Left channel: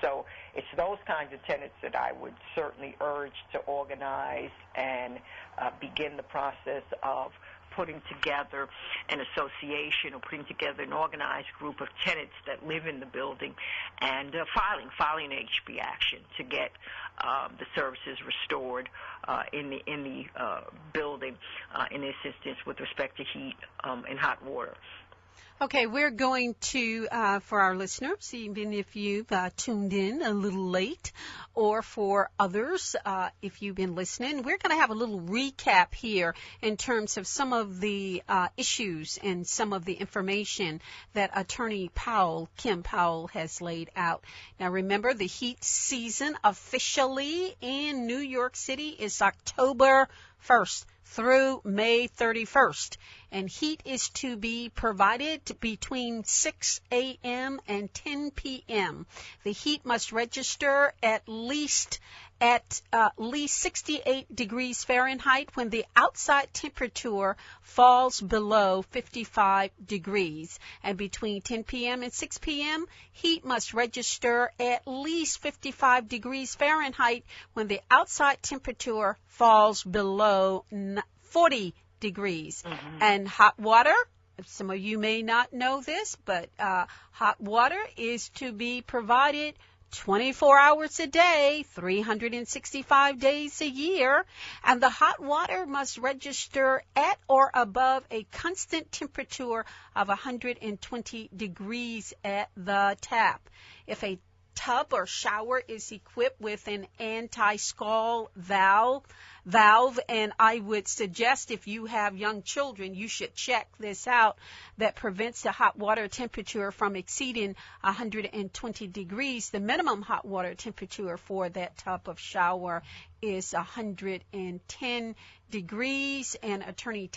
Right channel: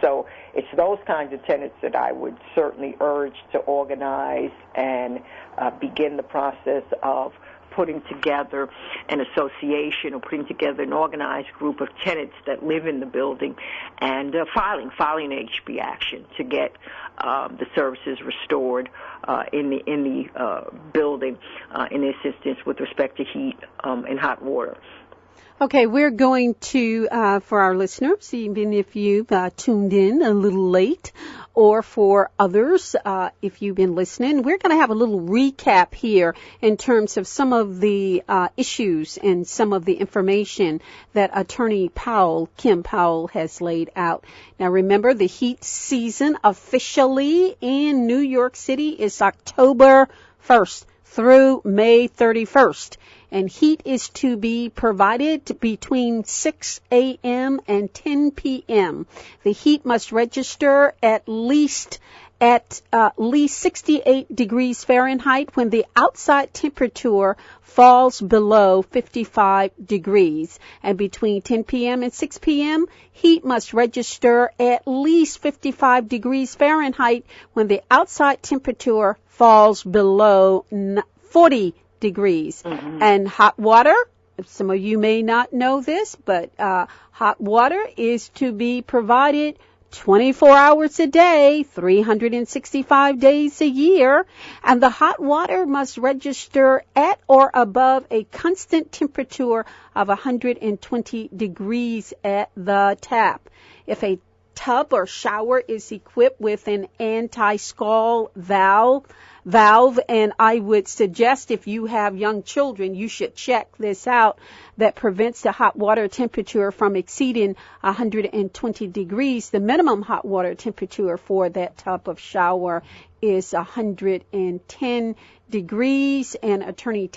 So it's those kinds of tenants that I would certainly urge to organize and begin the process of putting together an association or putting together an organized group of tenants that live in the building and filing an HB action to get the services restored in the building, in this instance with respect to heat and hot water. Okay, we're going to, for our listeners, even if you've tuned in a little late, or for others, if you've been listening, we're going to have a little recap here in terms of some of the issues and some of the information that Attorney Kim Powell, has laid out. Now, remember, the heat season officially in New York City is October 1st. Through May 31st. And heat is to be provided between 6 a.m. and 10 p.m. The heat must register at least 68 degrees Fahrenheit when the outside temperature falls below 55 degrees. And between 10 p.m. and 6 p.m., heat must register at least 55 degrees Fahrenheit when the outside temperature falls below 40 degrees. Mm-hmm. And hot water, some of you may not know this, but hot water is to be provided 24 hours a day, 365 days a year, and the hot water must register at or above a constant temperature of 120 degrees at the tap. If a tub or shower is equipped with an anti-scald valve, and I would suggest if you have young children, you should check this out, that prevents the hot water temperature from exceeding 120 degrees. The minimum hot water temperature for that tub of shower is 110 degrees, and Attorney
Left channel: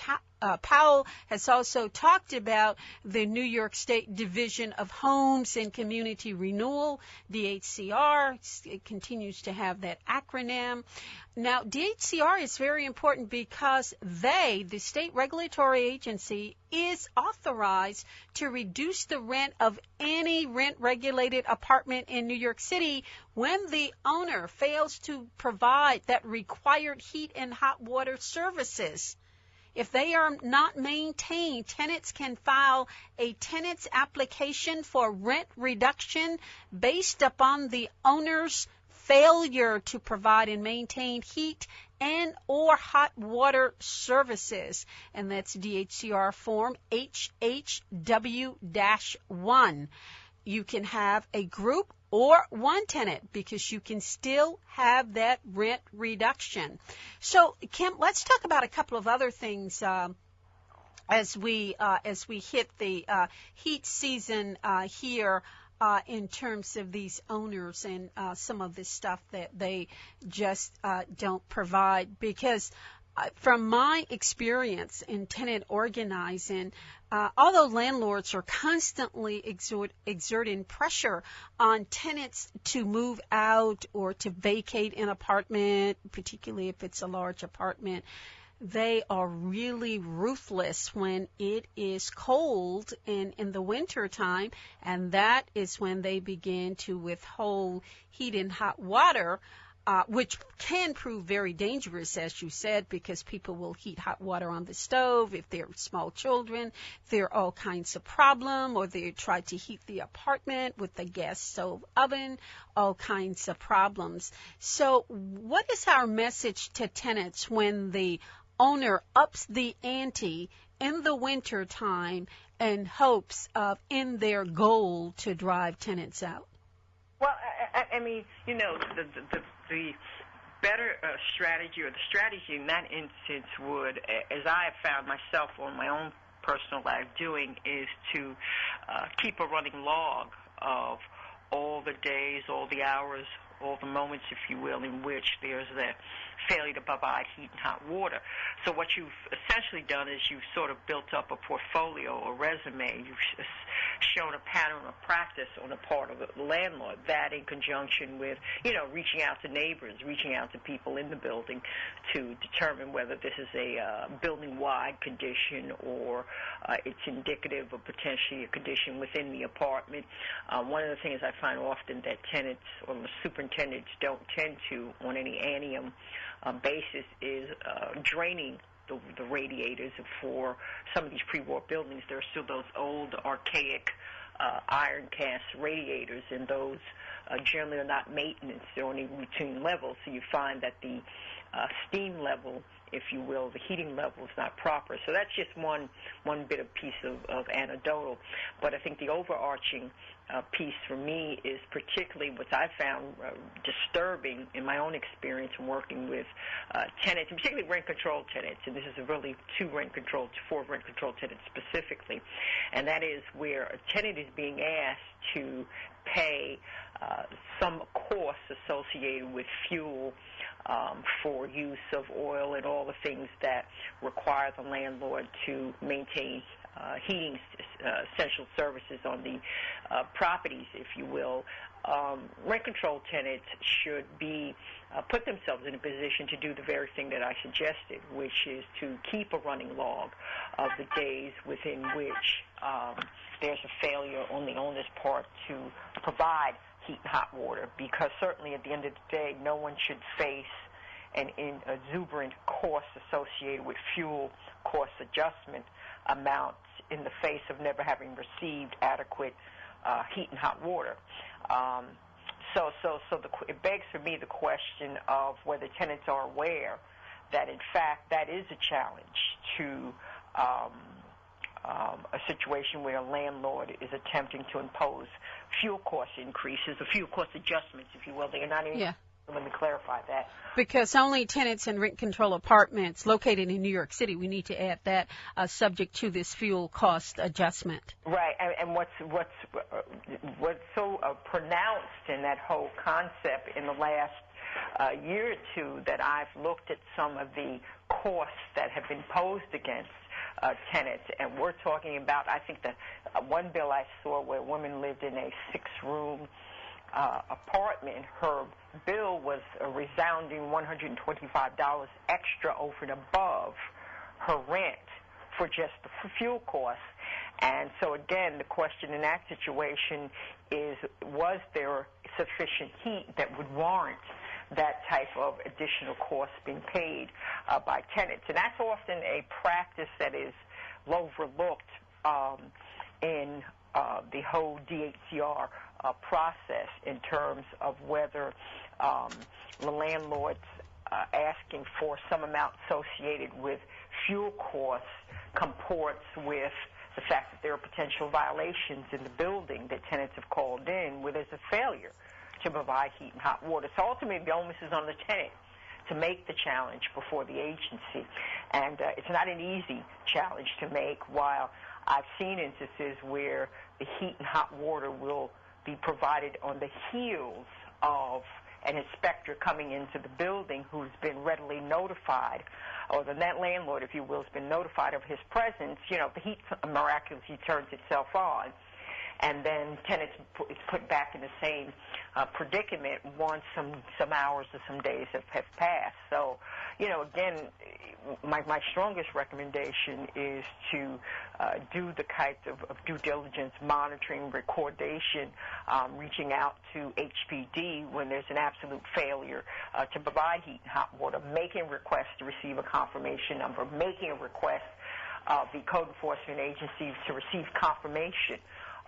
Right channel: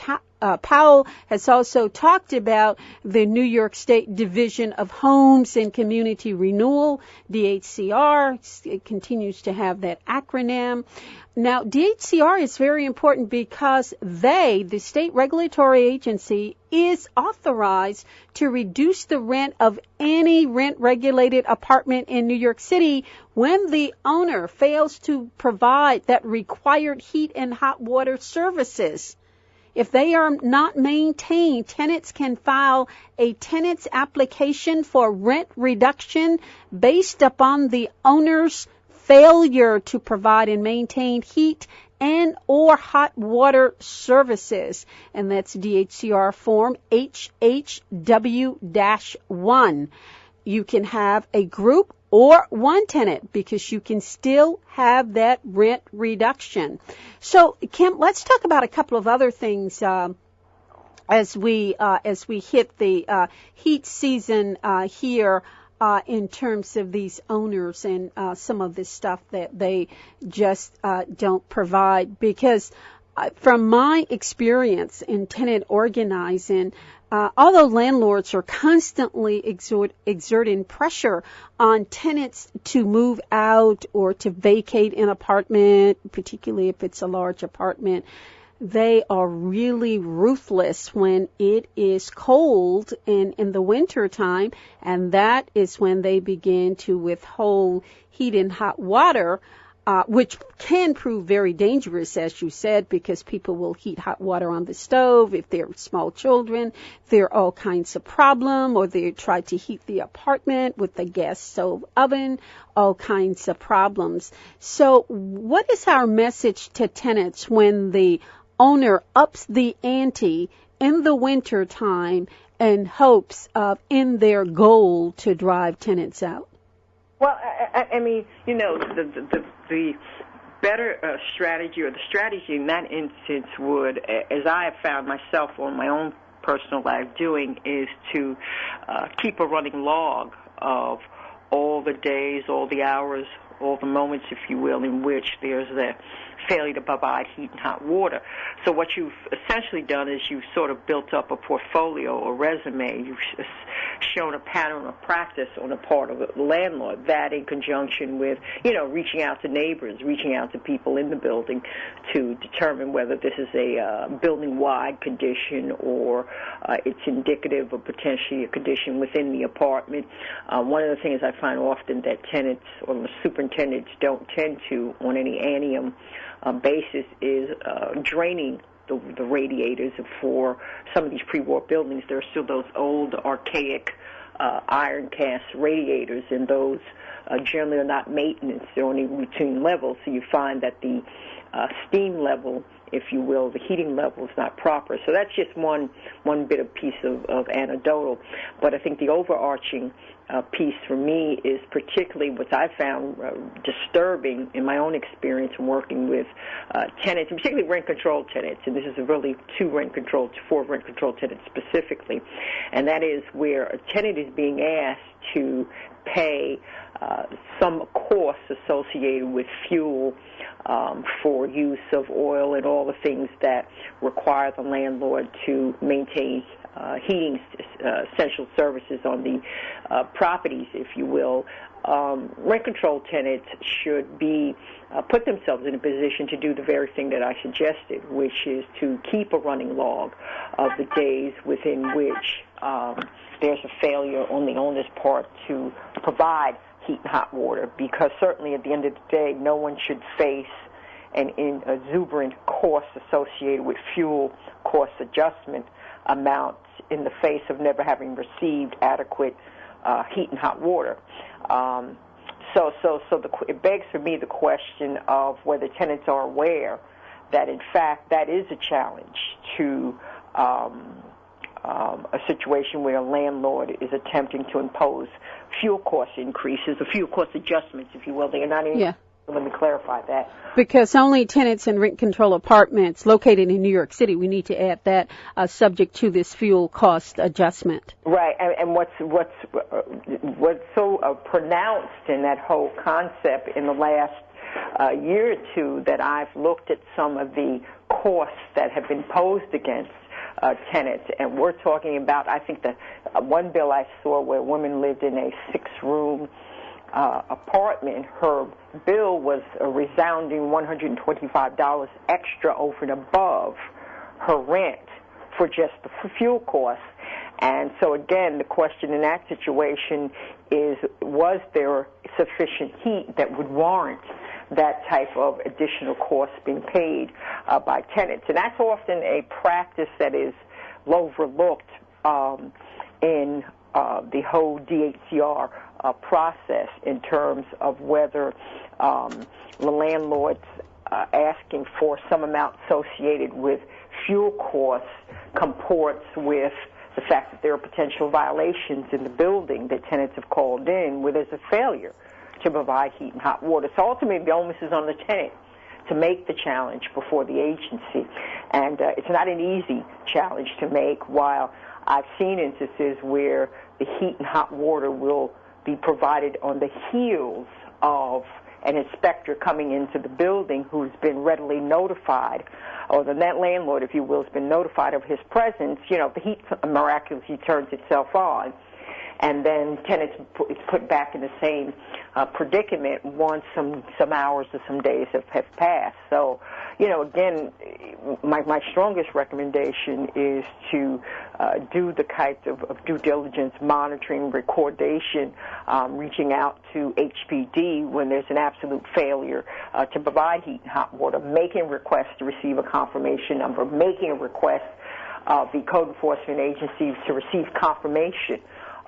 Powell has also talked about the New York State Division of Homes and Community Renewal, DHCR. It continues to have that acronym. Now, DHCR is very important because the state regulatory agency, is authorized to reduce the rent of any rent-regulated apartment in New York City when the owner fails to provide that required heat and hot water services. If they are not maintained, tenants can file a tenant's application for rent reduction based upon the owner's failure to provide and maintain heat and or hot water services. And that's DHCR form HHW-1. You can have a group or one tenant because you can still have that rent reduction. So, Kim, let's talk about a couple of other things as we hit the heat season here in terms of these owners and some of the stuff that they just don't provide. Because from my experience in tenant organizing, although landlords are constantly exerting pressure on tenants to move out or to vacate an apartment, particularly if it's a large apartment, they are really ruthless when it is cold in the winter time, and that is when they begin to withhold heat and hot water, which can prove very dangerous, as you said, because people will heat hot water on the stove. If they're small children, there are all kinds of problems, or they try to heat the apartment with the gas stove oven, all kinds of problems. So what is our message to tenants when the owner ups the ante in the winter time in hopes of, in their goal, to drive tenants out? Well, I mean, you know, the better strategy, or the strategy in that instance would, as I have found myself on my own personal life doing, is to keep a running log of all the days, all the hours, all the moments, if you will, in which there's the failure to provide heat and hot water. So what you've essentially done is you've sort of built up a portfolio or resume. You've shown a pattern of practice on the part of the landlord, that in conjunction with, reaching out to neighbors, reaching out to people in the building to determine whether this is a building-wide condition or it's indicative of potentially a condition within the apartment. One of the things I find often that tenants or the superintendents don't tend to on any annuum basis is draining the radiators. For some of these pre-war buildings, there are still those old archaic iron cast radiators, and those generally are not maintenance. They're only routine levels, so you find that the steam level, if you will, the heating level is not proper. So that's just one bit of piece of anecdotal. But I think the overarching piece for me is particularly what I found disturbing in my own experience in working with tenants, and particularly rent-controlled tenants, and this is really four rent-controlled tenants specifically, and that is where a tenant is being asked to pay some costs associated with fuel for use of oil and all the things that require the landlord to maintain heating essential services on the properties, if you will. Rent-controlled tenants should be put themselves in a position to do the very thing that I suggested, which is to keep a running log of the days within which there's a failure on the owner's part to provide heat and hot water, because certainly at the end of the day, no one should face an exuberant cost associated with fuel cost adjustment amounts in the face of never having received adequate heat and hot water. It begs for me the question of whether tenants are aware that, in fact, that is a challenge to a situation where a landlord is attempting to impose fuel cost increases, or fuel cost adjustments, if you will. They are not even. Yeah. Let me clarify that. Because only tenants in rent-control apartments located in New York City, we need to add that, subject to this fuel cost adjustment. Right, and what's so pronounced in that whole concept in the last year or two that I've looked at some of the costs that have been posed against tenants, and we're talking about, I think, the one bill I saw where a woman lived in a 6-room apartment. Her bill was a resounding $125 extra over and above her rent for just the fuel costs. And so, again, the question in that situation is, was there sufficient heat that would warrant that type of additional cost being paid by tenants? And that's often a practice that is overlooked in the whole DHCR process, in terms of whether the landlord's asking for some amount associated with fuel costs comports with the fact that there are potential violations in the building that tenants have called in where there's a failure to provide heat and hot water. So ultimately the onus is on the tenant to make the challenge before the agency. And it's not an easy challenge to make. While I've seen instances where the heat and hot water will be provided on the heels of an inspector coming into the building who's been readily notified, or the landlord, if you will, has been notified of his presence, the heat miraculously turns itself on. And then tenants is put back in the same predicament once some hours or some days have passed. So, again, my strongest recommendation is to do the type of due diligence, monitoring, recordation, reaching out to HPD when there's an absolute failure to provide heat and hot water, making requests to receive a confirmation number, making a request of the code enforcement agencies to receive confirmation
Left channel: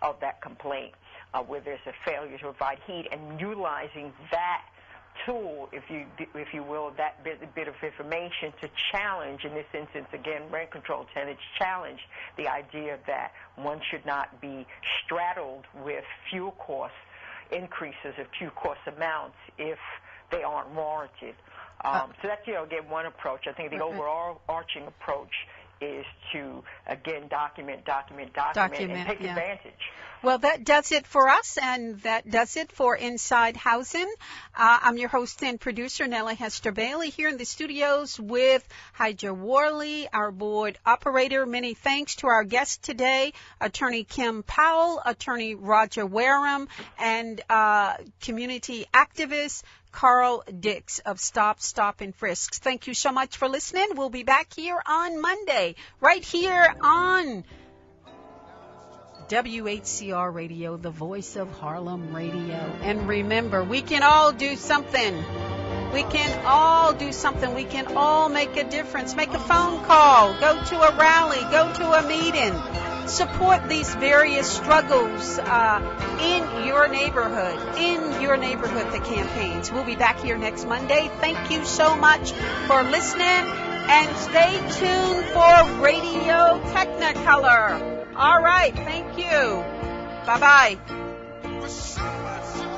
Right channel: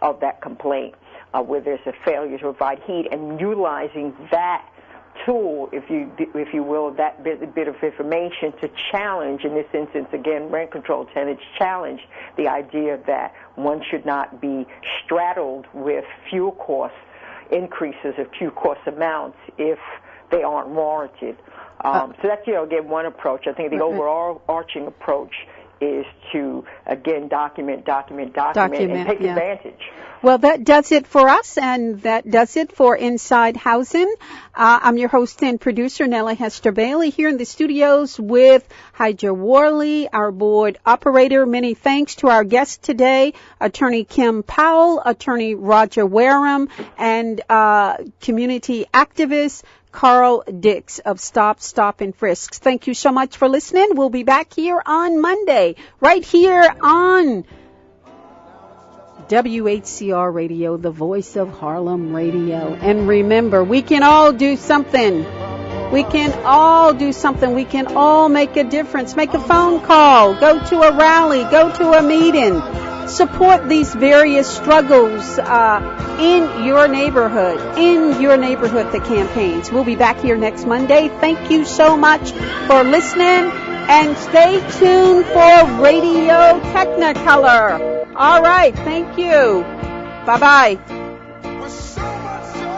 of that complaint where there's a failure to provide heat, and utilizing that tool, if you will, that bit of information to challenge, in this instance, again, rent-controlled tenants challenge the idea that one should not be straddled with fuel cost increases of fuel cost amounts if they aren't warranted. So that's, again, one approach. I think the overall arching approach is to, again, document, and take advantage. Well, that does it for us, and that does it for Inside Housing. I'm your host and producer, Nella Hester Bailey, here in the studios with Hydra Worley, our board operator. Many thanks to our guests today, Attorney Kim Powell, Attorney Roger Wareham, and community activist Carl Dix of Stop, and Frisks. Thank you so much for listening. We'll be back here on Monday, right here on WHCR Radio, the voice of Harlem Radio. And remember, we can all do something. We can all do something. We can all make a difference. Make a phone call. Go to a rally. Go to a meeting. Support these various struggles in your neighborhood, the campaigns. We'll be back here next Monday. Thank you so much for listening, and stay tuned for Radio Technicolor. All right, thank you. Bye-bye. With so much joy.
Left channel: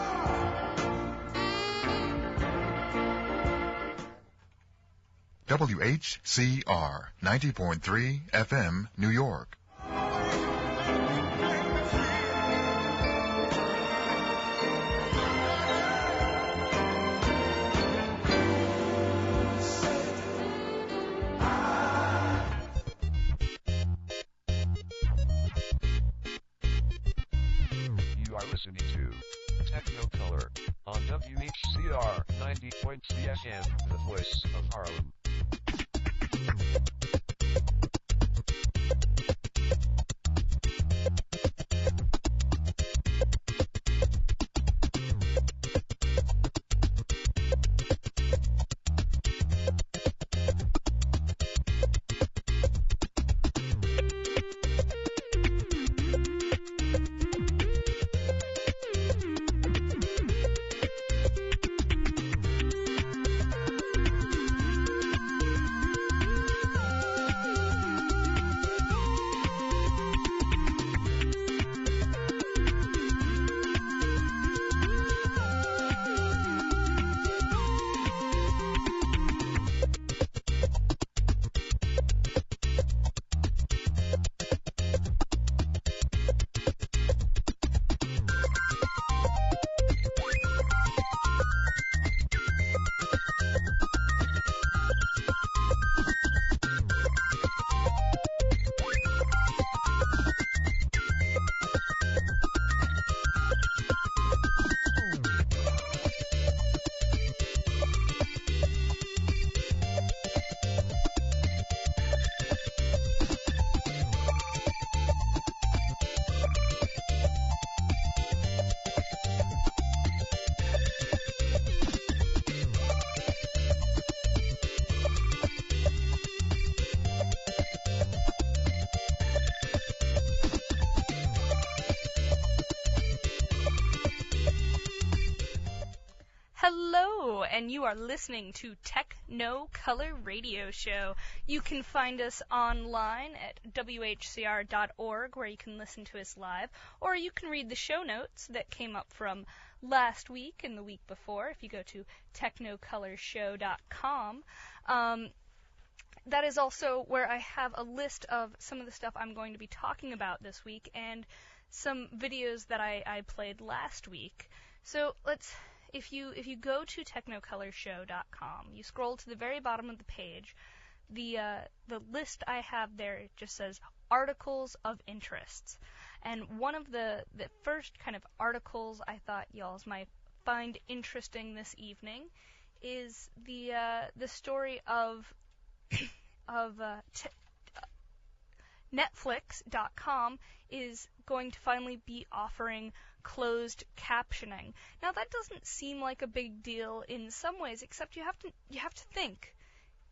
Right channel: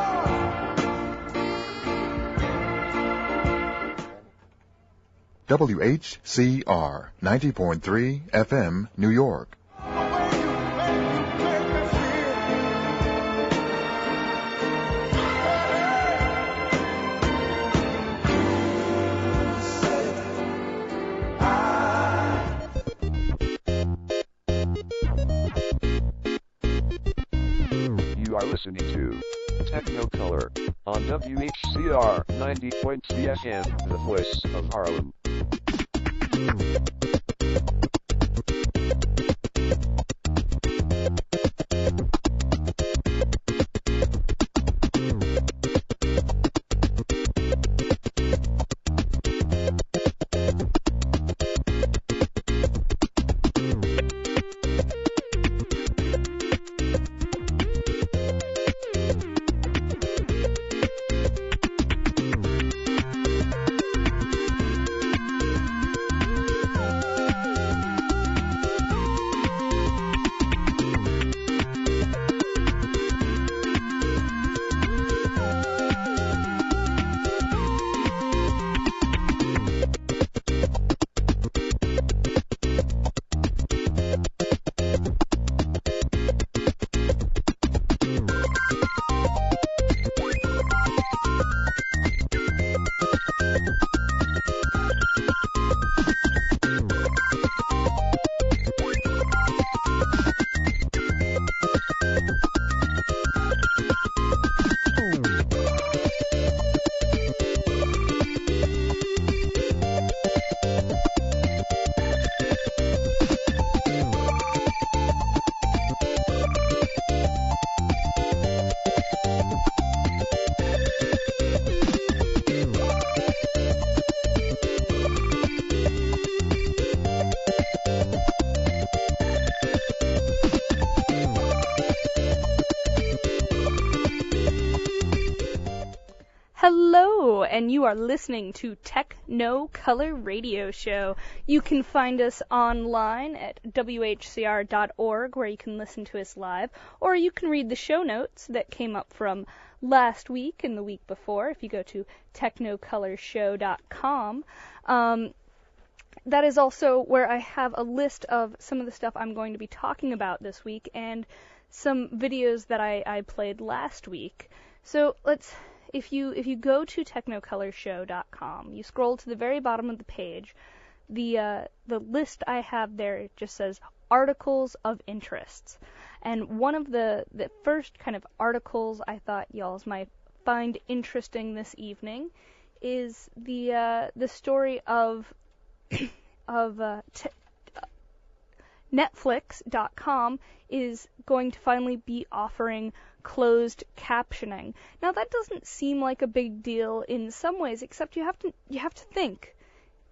WHCR 90.3 FM, New York. Listening to Technicolor on WHCR 90.3 FM, the voice of Harlem. Hello, and you are listening to Technicolor Radio Show. You can find us online at whcr.org, where you can listen to us live, or you can read the show notes that came up from last week and the week before if you go to technicolorshow.com. That is also where I have a list of some of the stuff I'm going to be talking about this week and some videos that I played last week. So if you go to technicolorshow.com, you scroll to the very bottom of the page, the list I have there just says articles of interests. And one of the first kind of articles I thought y'all might find interesting this evening is the story of Netflix.com is going to finally be offering closed captioning. Now that doesn't seem like a big deal in some ways, except you have to think,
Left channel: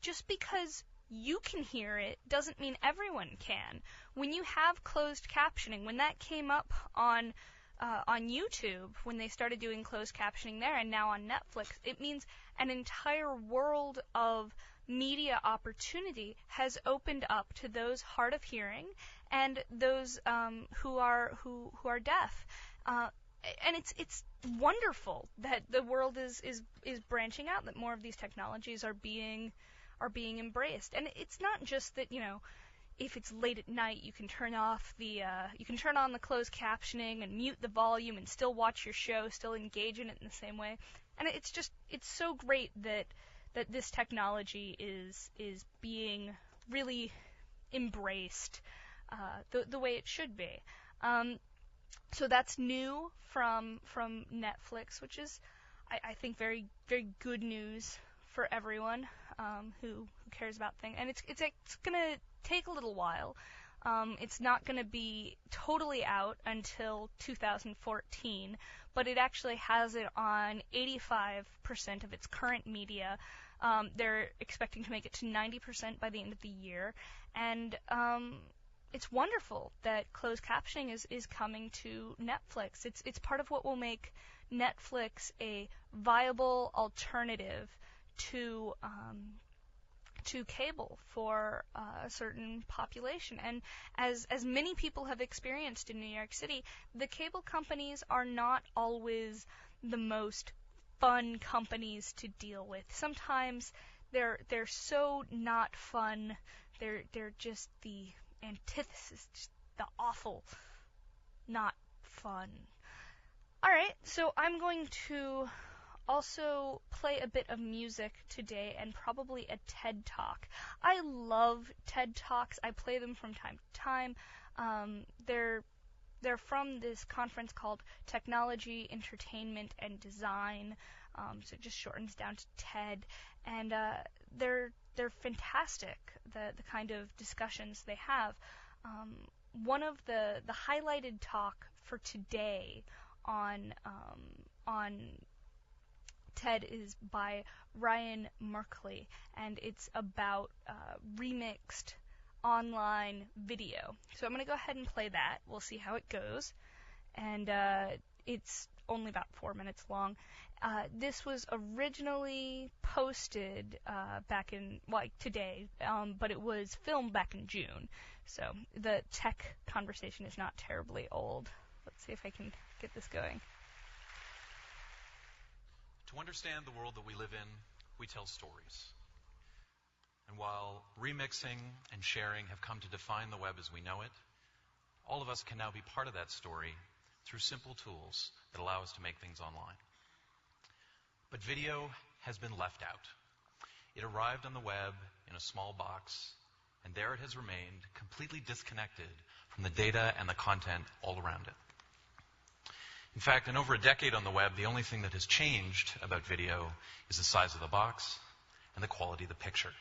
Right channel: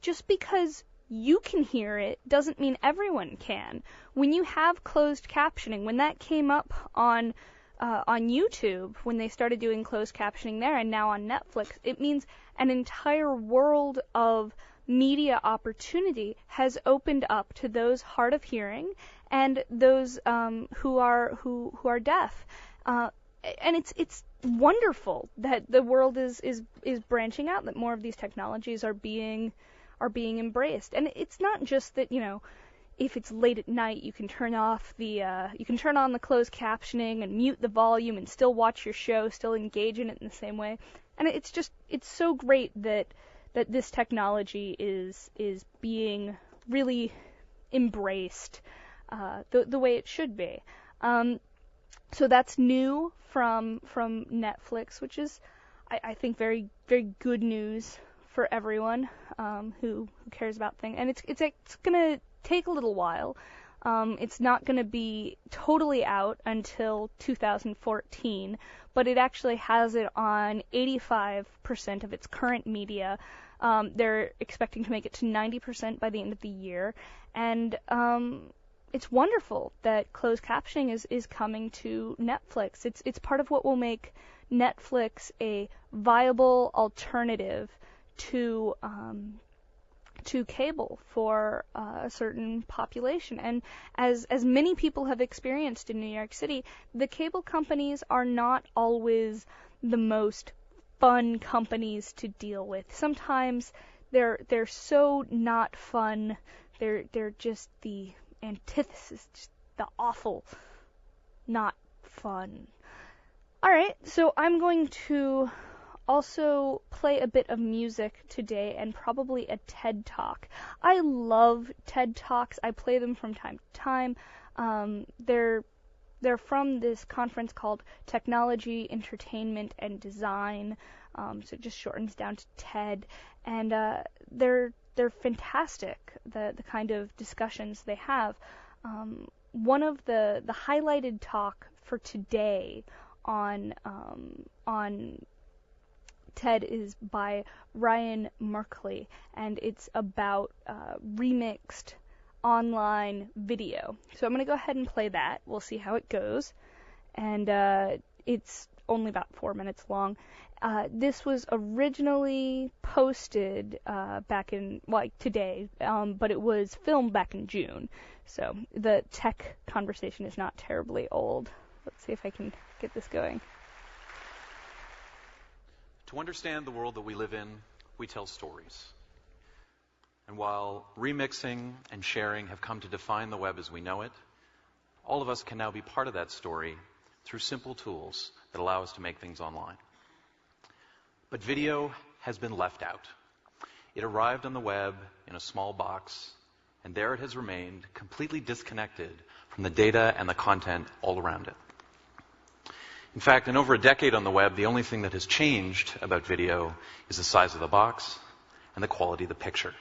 just because you can hear it doesn't mean everyone can. When you have closed captioning, when that came up on YouTube, when they started doing closed captioning there, and now on Netflix, it means an entire world of media opportunity has opened up to those hard of hearing and those who are deaf. And it's wonderful that the world is branching out, that more of these technologies are being embraced. And it's not just that, if it's late at night, you can turn on the closed captioning and mute the volume and still watch your show, still engage in it in the same way. And it's so great that this technology is being really embraced the way it should be. So that's new from Netflix, which is, I think, very, very good news for everyone who cares about things. And it's going to take a little while. It's not going to be totally out until 2014, but it actually has it on 85% of its current media. They're expecting to make it to 90% by the end of the year. And it's wonderful that closed captioning is coming to Netflix. It's part of what will make Netflix a viable alternative to cable for a certain population. And as many people have experienced in New York City, the cable companies are not always the most fun companies to deal with. Sometimes they're so not fun. They're just the antithesis, just the awful, not fun. All right, so I'm going to also play a bit of music today and probably a TED Talk. I love TED Talks. I play them from time to time. They're from this conference called Technology, Entertainment, and Design. So it just shortens down to TED. And they're fantastic, the kind of discussions they have. One of the highlighted talk for today on TED is by Ryan Merkley, and it's about remixed online video. So I'm going to go ahead and play that. We'll see how it goes. And it's only about 4 minutes long. This was originally posted back in, today, but it was filmed back in June. So the tech conversation is not terribly old. Let's see if I can get this going. To understand the world that we live in, we tell stories. And while remixing and sharing have come to define the web as we know it, all of us can now be part of that story through simple tools that allow us to make things online. But video has been left out. It arrived on the web in a small box, and there it has remained, completely disconnected from the data and the content all around it. In fact, in over a decade on the web, the only thing that has changed about video is the size of the box and the quality of the picture.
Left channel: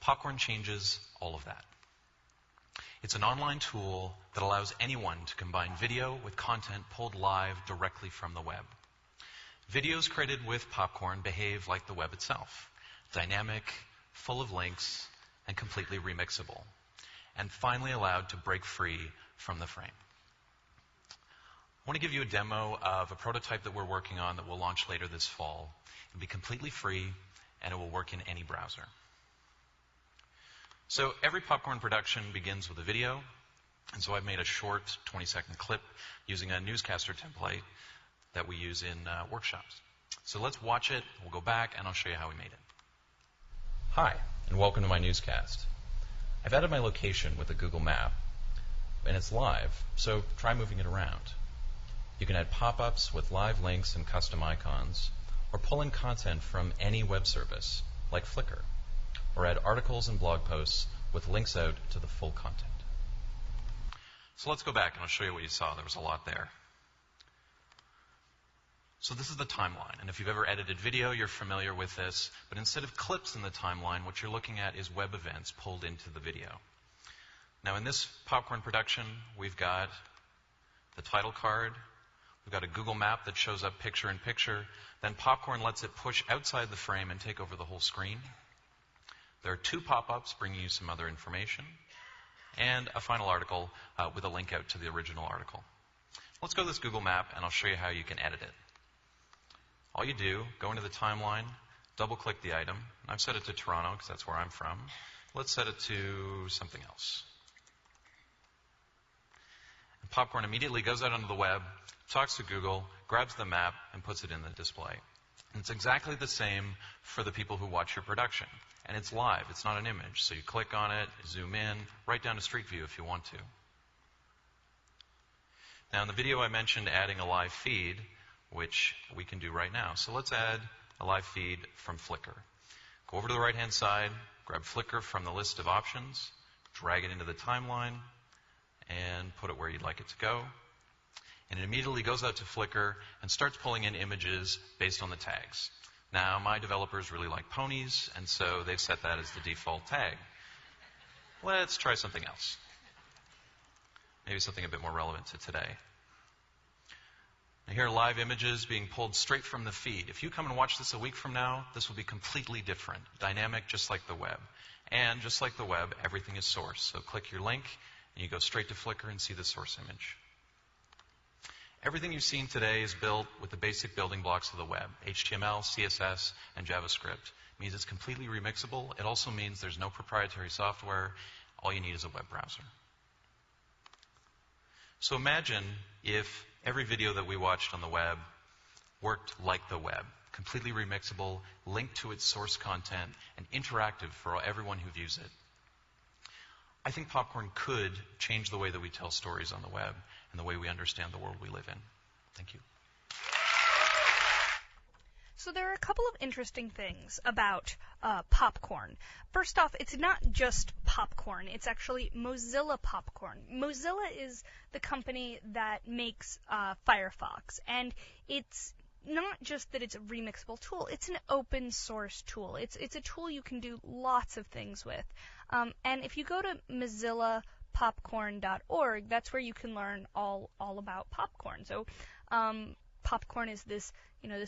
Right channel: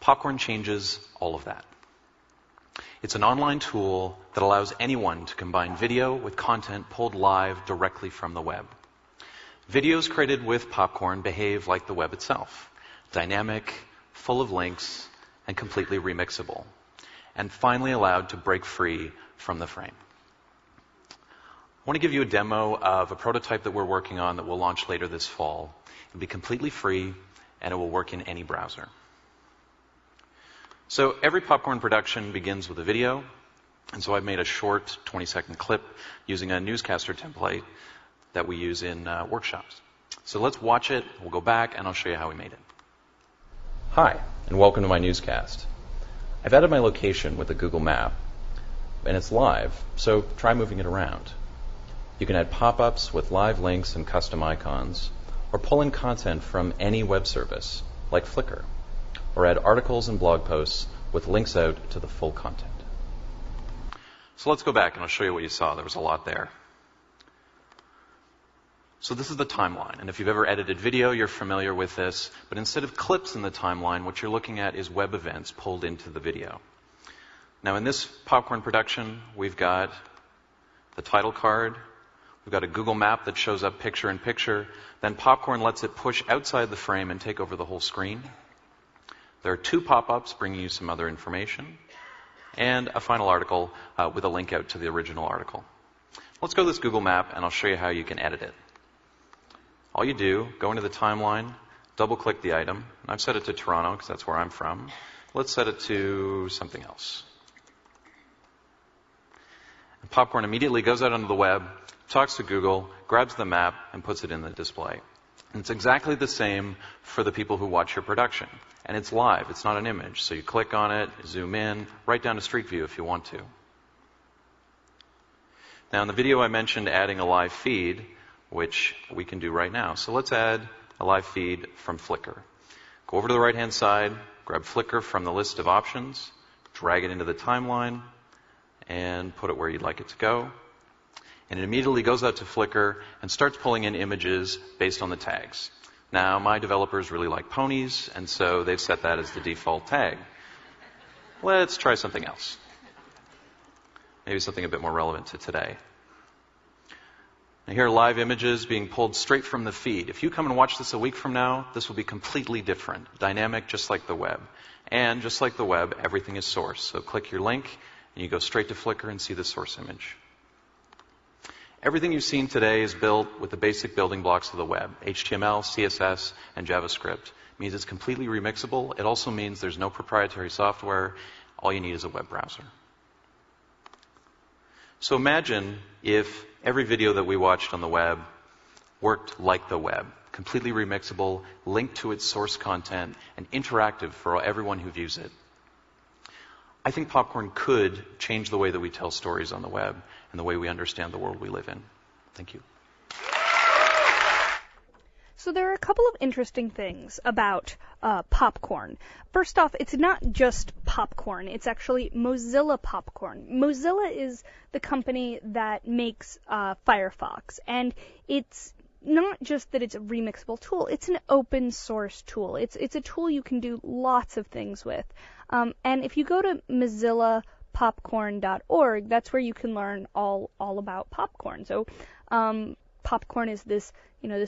Popcorn changes all of that. It's an online tool that allows anyone to combine video with content pulled live directly from the web. Videos created with Popcorn behave like the web itself, dynamic, full of links, and completely remixable, and finally allowed to break free from the frame. I want to give you a demo of a prototype that we're working on that will launch later this fall. It'll be completely free, and it will work in any browser. So every Popcorn production begins with a video, and so I've made a short 20-second clip using a newscaster template that we use in workshops. So let's watch it, we'll go back, and I'll show you how we made it. Hi, and welcome to my newscast. I've added my location with a Google map, and it's live, so try moving it around. You can add pop-ups with live links and custom icons, or pull in content from any web service, like Flickr, or add articles and blog posts with links out to the full content. So let's go back and I'll show you what you saw. There was a lot there. So this is the timeline, and if you've ever edited video, you're familiar with this, but instead of clips in the timeline, what you're looking at is web events pulled into the video. Now in this Popcorn production, we've got the title card, we've got a Google map that shows up picture in picture, then Popcorn lets it push outside the frame and take over the whole screen. There are 2 pop-ups bringing you some other information, and a final article with a link out to the original article. Let's go to this Google map, and I'll show you how you can edit it. All you do, go into the timeline, double-click the item. I've set it to Toronto because that's where I'm from. Let's set it to something else. And Popcorn immediately goes out onto the web, talks to Google, grabs the map, and puts it in the display. And it's exactly the same for the people who watch your production. And it's live. It's not an image. So you click on it, zoom in, right down to Street View if you want to. Now, in the video I mentioned adding a live feed, which we can do right now. So let's add a live feed from Flickr. Go over to the right-hand side, grab Flickr from the list of options, drag it into the timeline, and put it where you'd like it to go. And it immediately goes out to Flickr and starts pulling in images based on the tags. Now, my developers really like ponies, and so they've set that as the default tag. Let's try something else. Maybe something a bit more relevant to today. Now, here are live images being pulled straight from the feed. If you come and watch this a week from now, this will be completely different, dynamic, just like the web. And just like the web, everything is source. So click your link, and you go straight to Flickr and see the source image. Everything you've seen today is built with the basic building blocks of the web, HTML, CSS, and JavaScript. It means it's completely remixable. It also means there's no proprietary software. All you need is a web browser. So imagine if every video that we watched on the web worked like the web, completely remixable, linked to its source content, and interactive for everyone who views it. I think Popcorn could change the way that we tell stories on the web and the way we understand the world we live in. Thank you. So there are a couple of interesting things about Popcorn. First off, it's not just Popcorn. It's actually Mozilla Popcorn. Mozilla is the company that makes Firefox, and it's not just that it's a remixable tool, it's an open source tool. It's a tool you can do lots of things with. And if you go to mozillapopcorn.org, that's where you can learn all about popcorn. So popcorn is this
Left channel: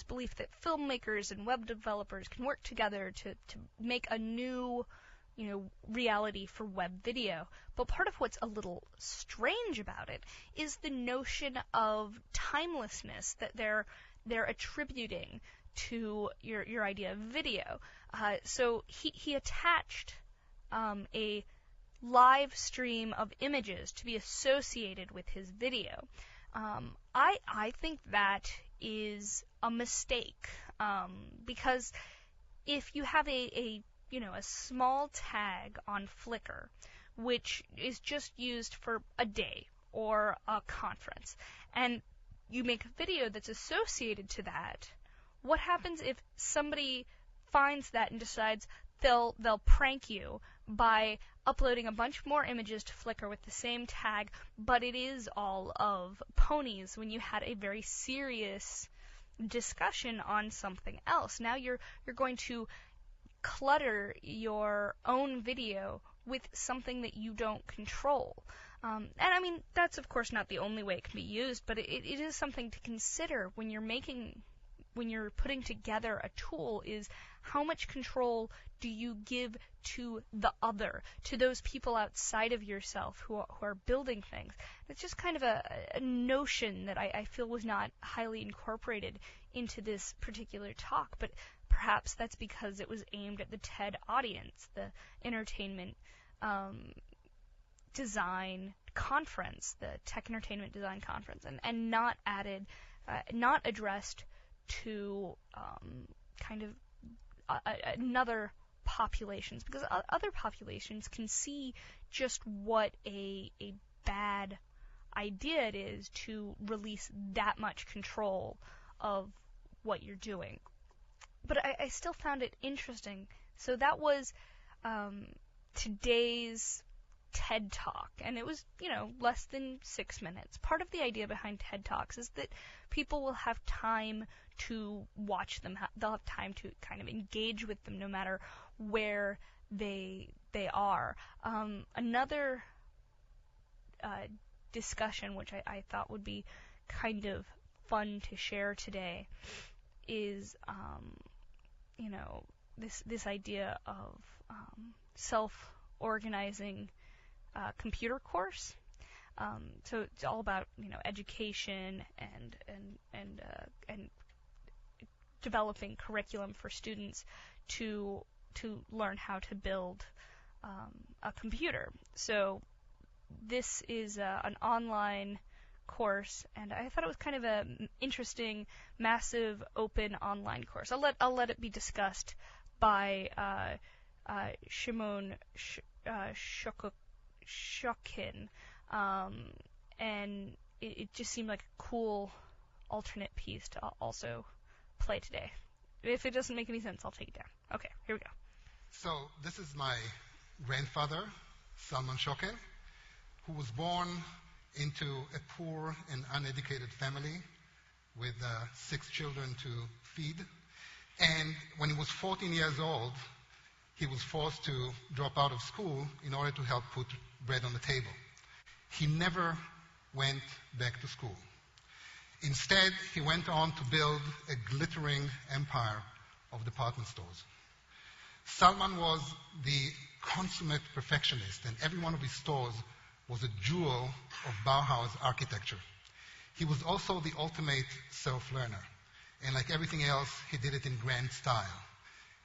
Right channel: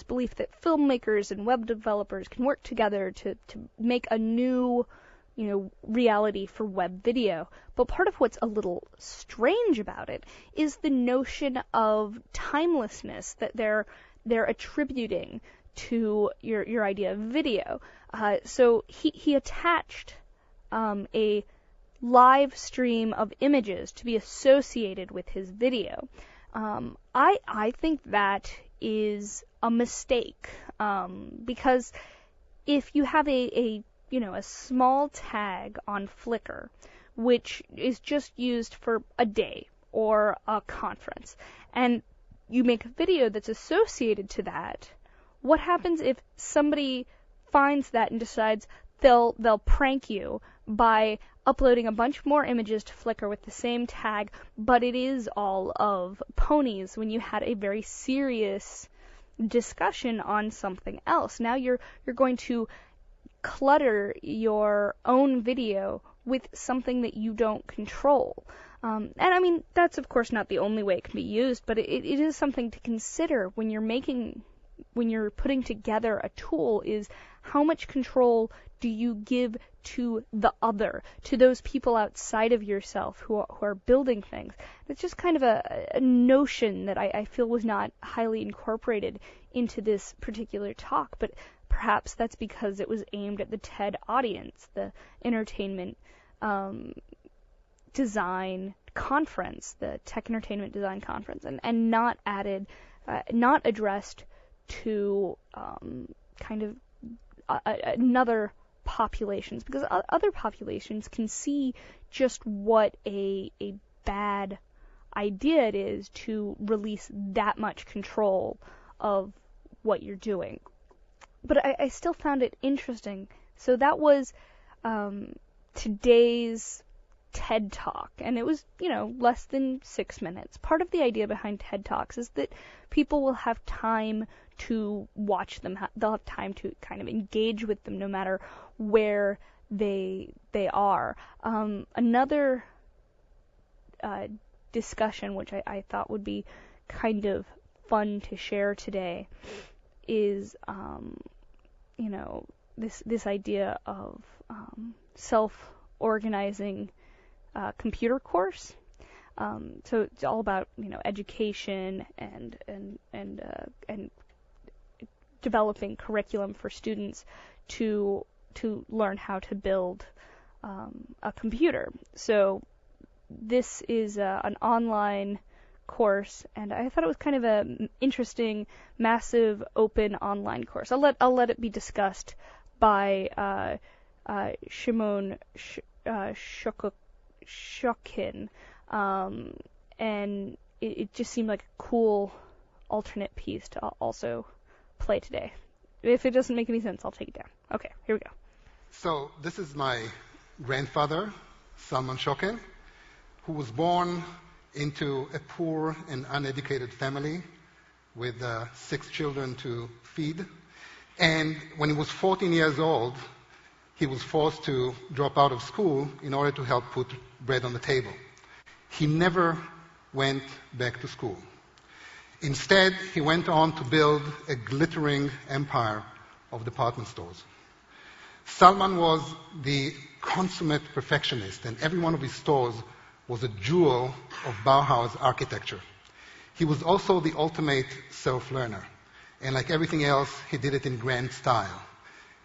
belief that filmmakers and web developers can work together to make a new reality for web video. But part of what's a little strange about it is the notion of timelessness that they're attributing to your idea of video. So he attached a live stream of images to be associated with his video. I think that is a mistake, because if you have a small tag on Flickr, which is just used for a day or a conference, and you make a video that's associated to that, what happens if somebody finds that and decides they'll prank you by uploading a bunch more images to Flickr with the same tag, but it is all of ponies when you had a very serious discussion on something else? Now you're going to clutter your own video with something that you don't control. And I mean, that's of course not the only way it can be used, but it is something to consider when you're putting together a tool, is how much control do you give to the other, to those people outside of yourself who are building things. It's just kind of a notion that I feel was not highly incorporated into this particular talk, but perhaps that's because it was aimed at the TED audience, the entertainment design conference, the Tech Entertainment Design Conference, and not addressed to kind of another populations, because other populations can see just what a bad idea it is to release that much control of what you're doing. But I still found it interesting. So that was today's TED Talk, and it was, less than 6 minutes. Part of the idea behind TED Talks is that people will have time to watch them. They'll have time to kind of engage with them no matter where they are. Another discussion, which I thought would be kind of fun to share today, is this idea of self-organizing computer course. So it's all about education and developing curriculum for students to learn how to build a computer. So this is an online course, and I thought it was kind of an interesting, massive, open online course. I'll let it be discussed by Shimon Shokin, and it just seemed like a cool alternate piece to also play today. If it doesn't make any sense, I'll take it down. Okay, here we go. So this is my grandfather, Salman Shokin, who was born into a poor and uneducated family with 6 children to feed. And when he was 14 years old, he was forced to drop out of school in order to help put bread on the table. He never went back to school. Instead, he went on to build a glittering empire of department stores. Salman was the consummate perfectionist, and every one of his stores was a jewel of Bauhaus architecture. He was also the ultimate self-learner, and like everything else, he did it in grand style.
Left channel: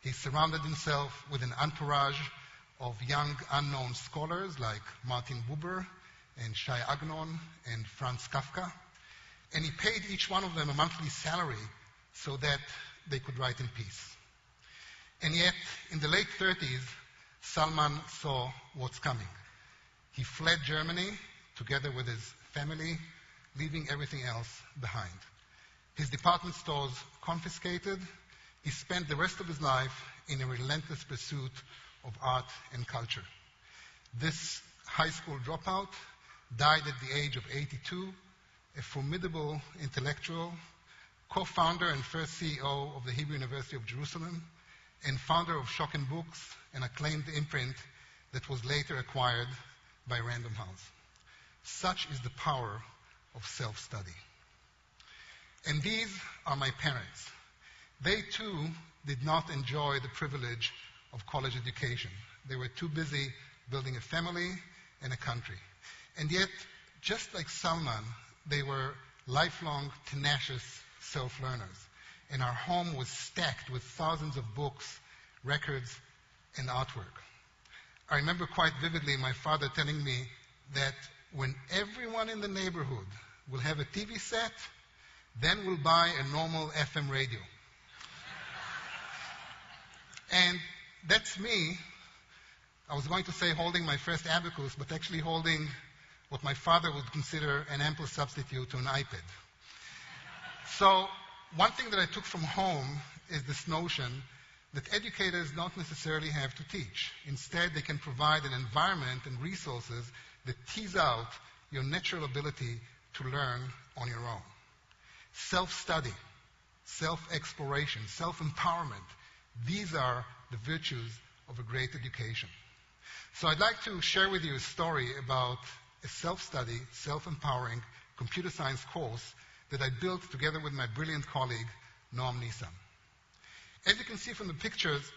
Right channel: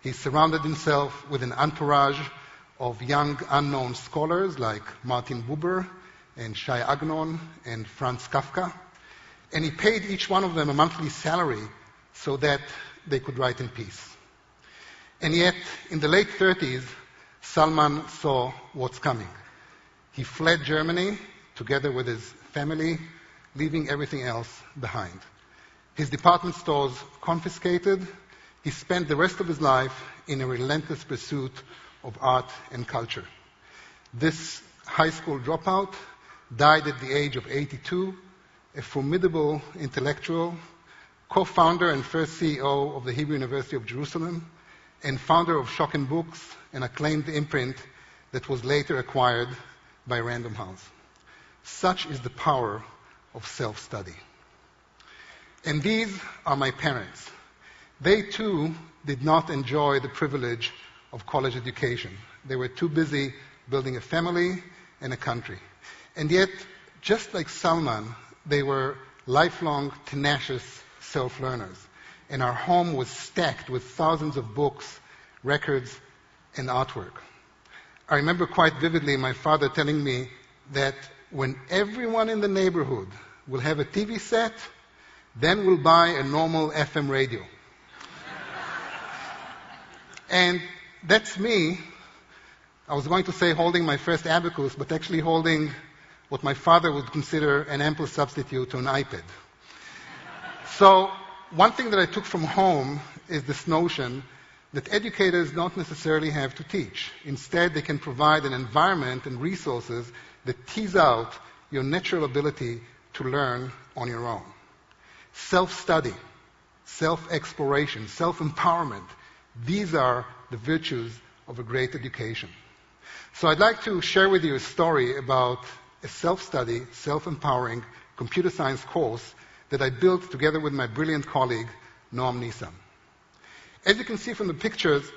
He surrounded himself with an entourage of young unknown scholars like Martin Buber and Shai Agnon and Franz Kafka, and he paid each one of them a monthly salary so that they could write in peace. And yet, in the late 30s, Salman saw what's coming. He fled Germany together with his family, leaving everything else behind. His department stores confiscated. He spent the rest of his life in a relentless pursuit of art and culture. This high school dropout died at the age of 82, a formidable intellectual, co-founder and first CEO of the Hebrew University of Jerusalem, and founder of Shokin Books, an acclaimed imprint that was later acquired by Random House. Such is the power of self-study. And these are my parents. They too did not enjoy the privilege of college education. They were too busy building a family and a country. And yet, just like Salman, they were lifelong, tenacious self-learners. And our home was stacked with thousands of books, records, and artwork. I remember quite vividly my father telling me that when everyone in the neighborhood will have a TV set, then we'll buy a normal FM radio. And that's me. I was going to say holding my first abacus, but actually holding what my father would consider an ample substitute to an iPad. So one thing that I took from home is this notion that educators don't necessarily have to teach. Instead, they can provide an environment and resources that tease out your natural ability to learn on your own. Self-study, self-exploration, self-empowerment, these are the virtues of a great education. So I'd like to share with you a story about a self-study, self-empowering computer science course that I built together with my brilliant colleague, Noam Nissan. As you can see from the pictures,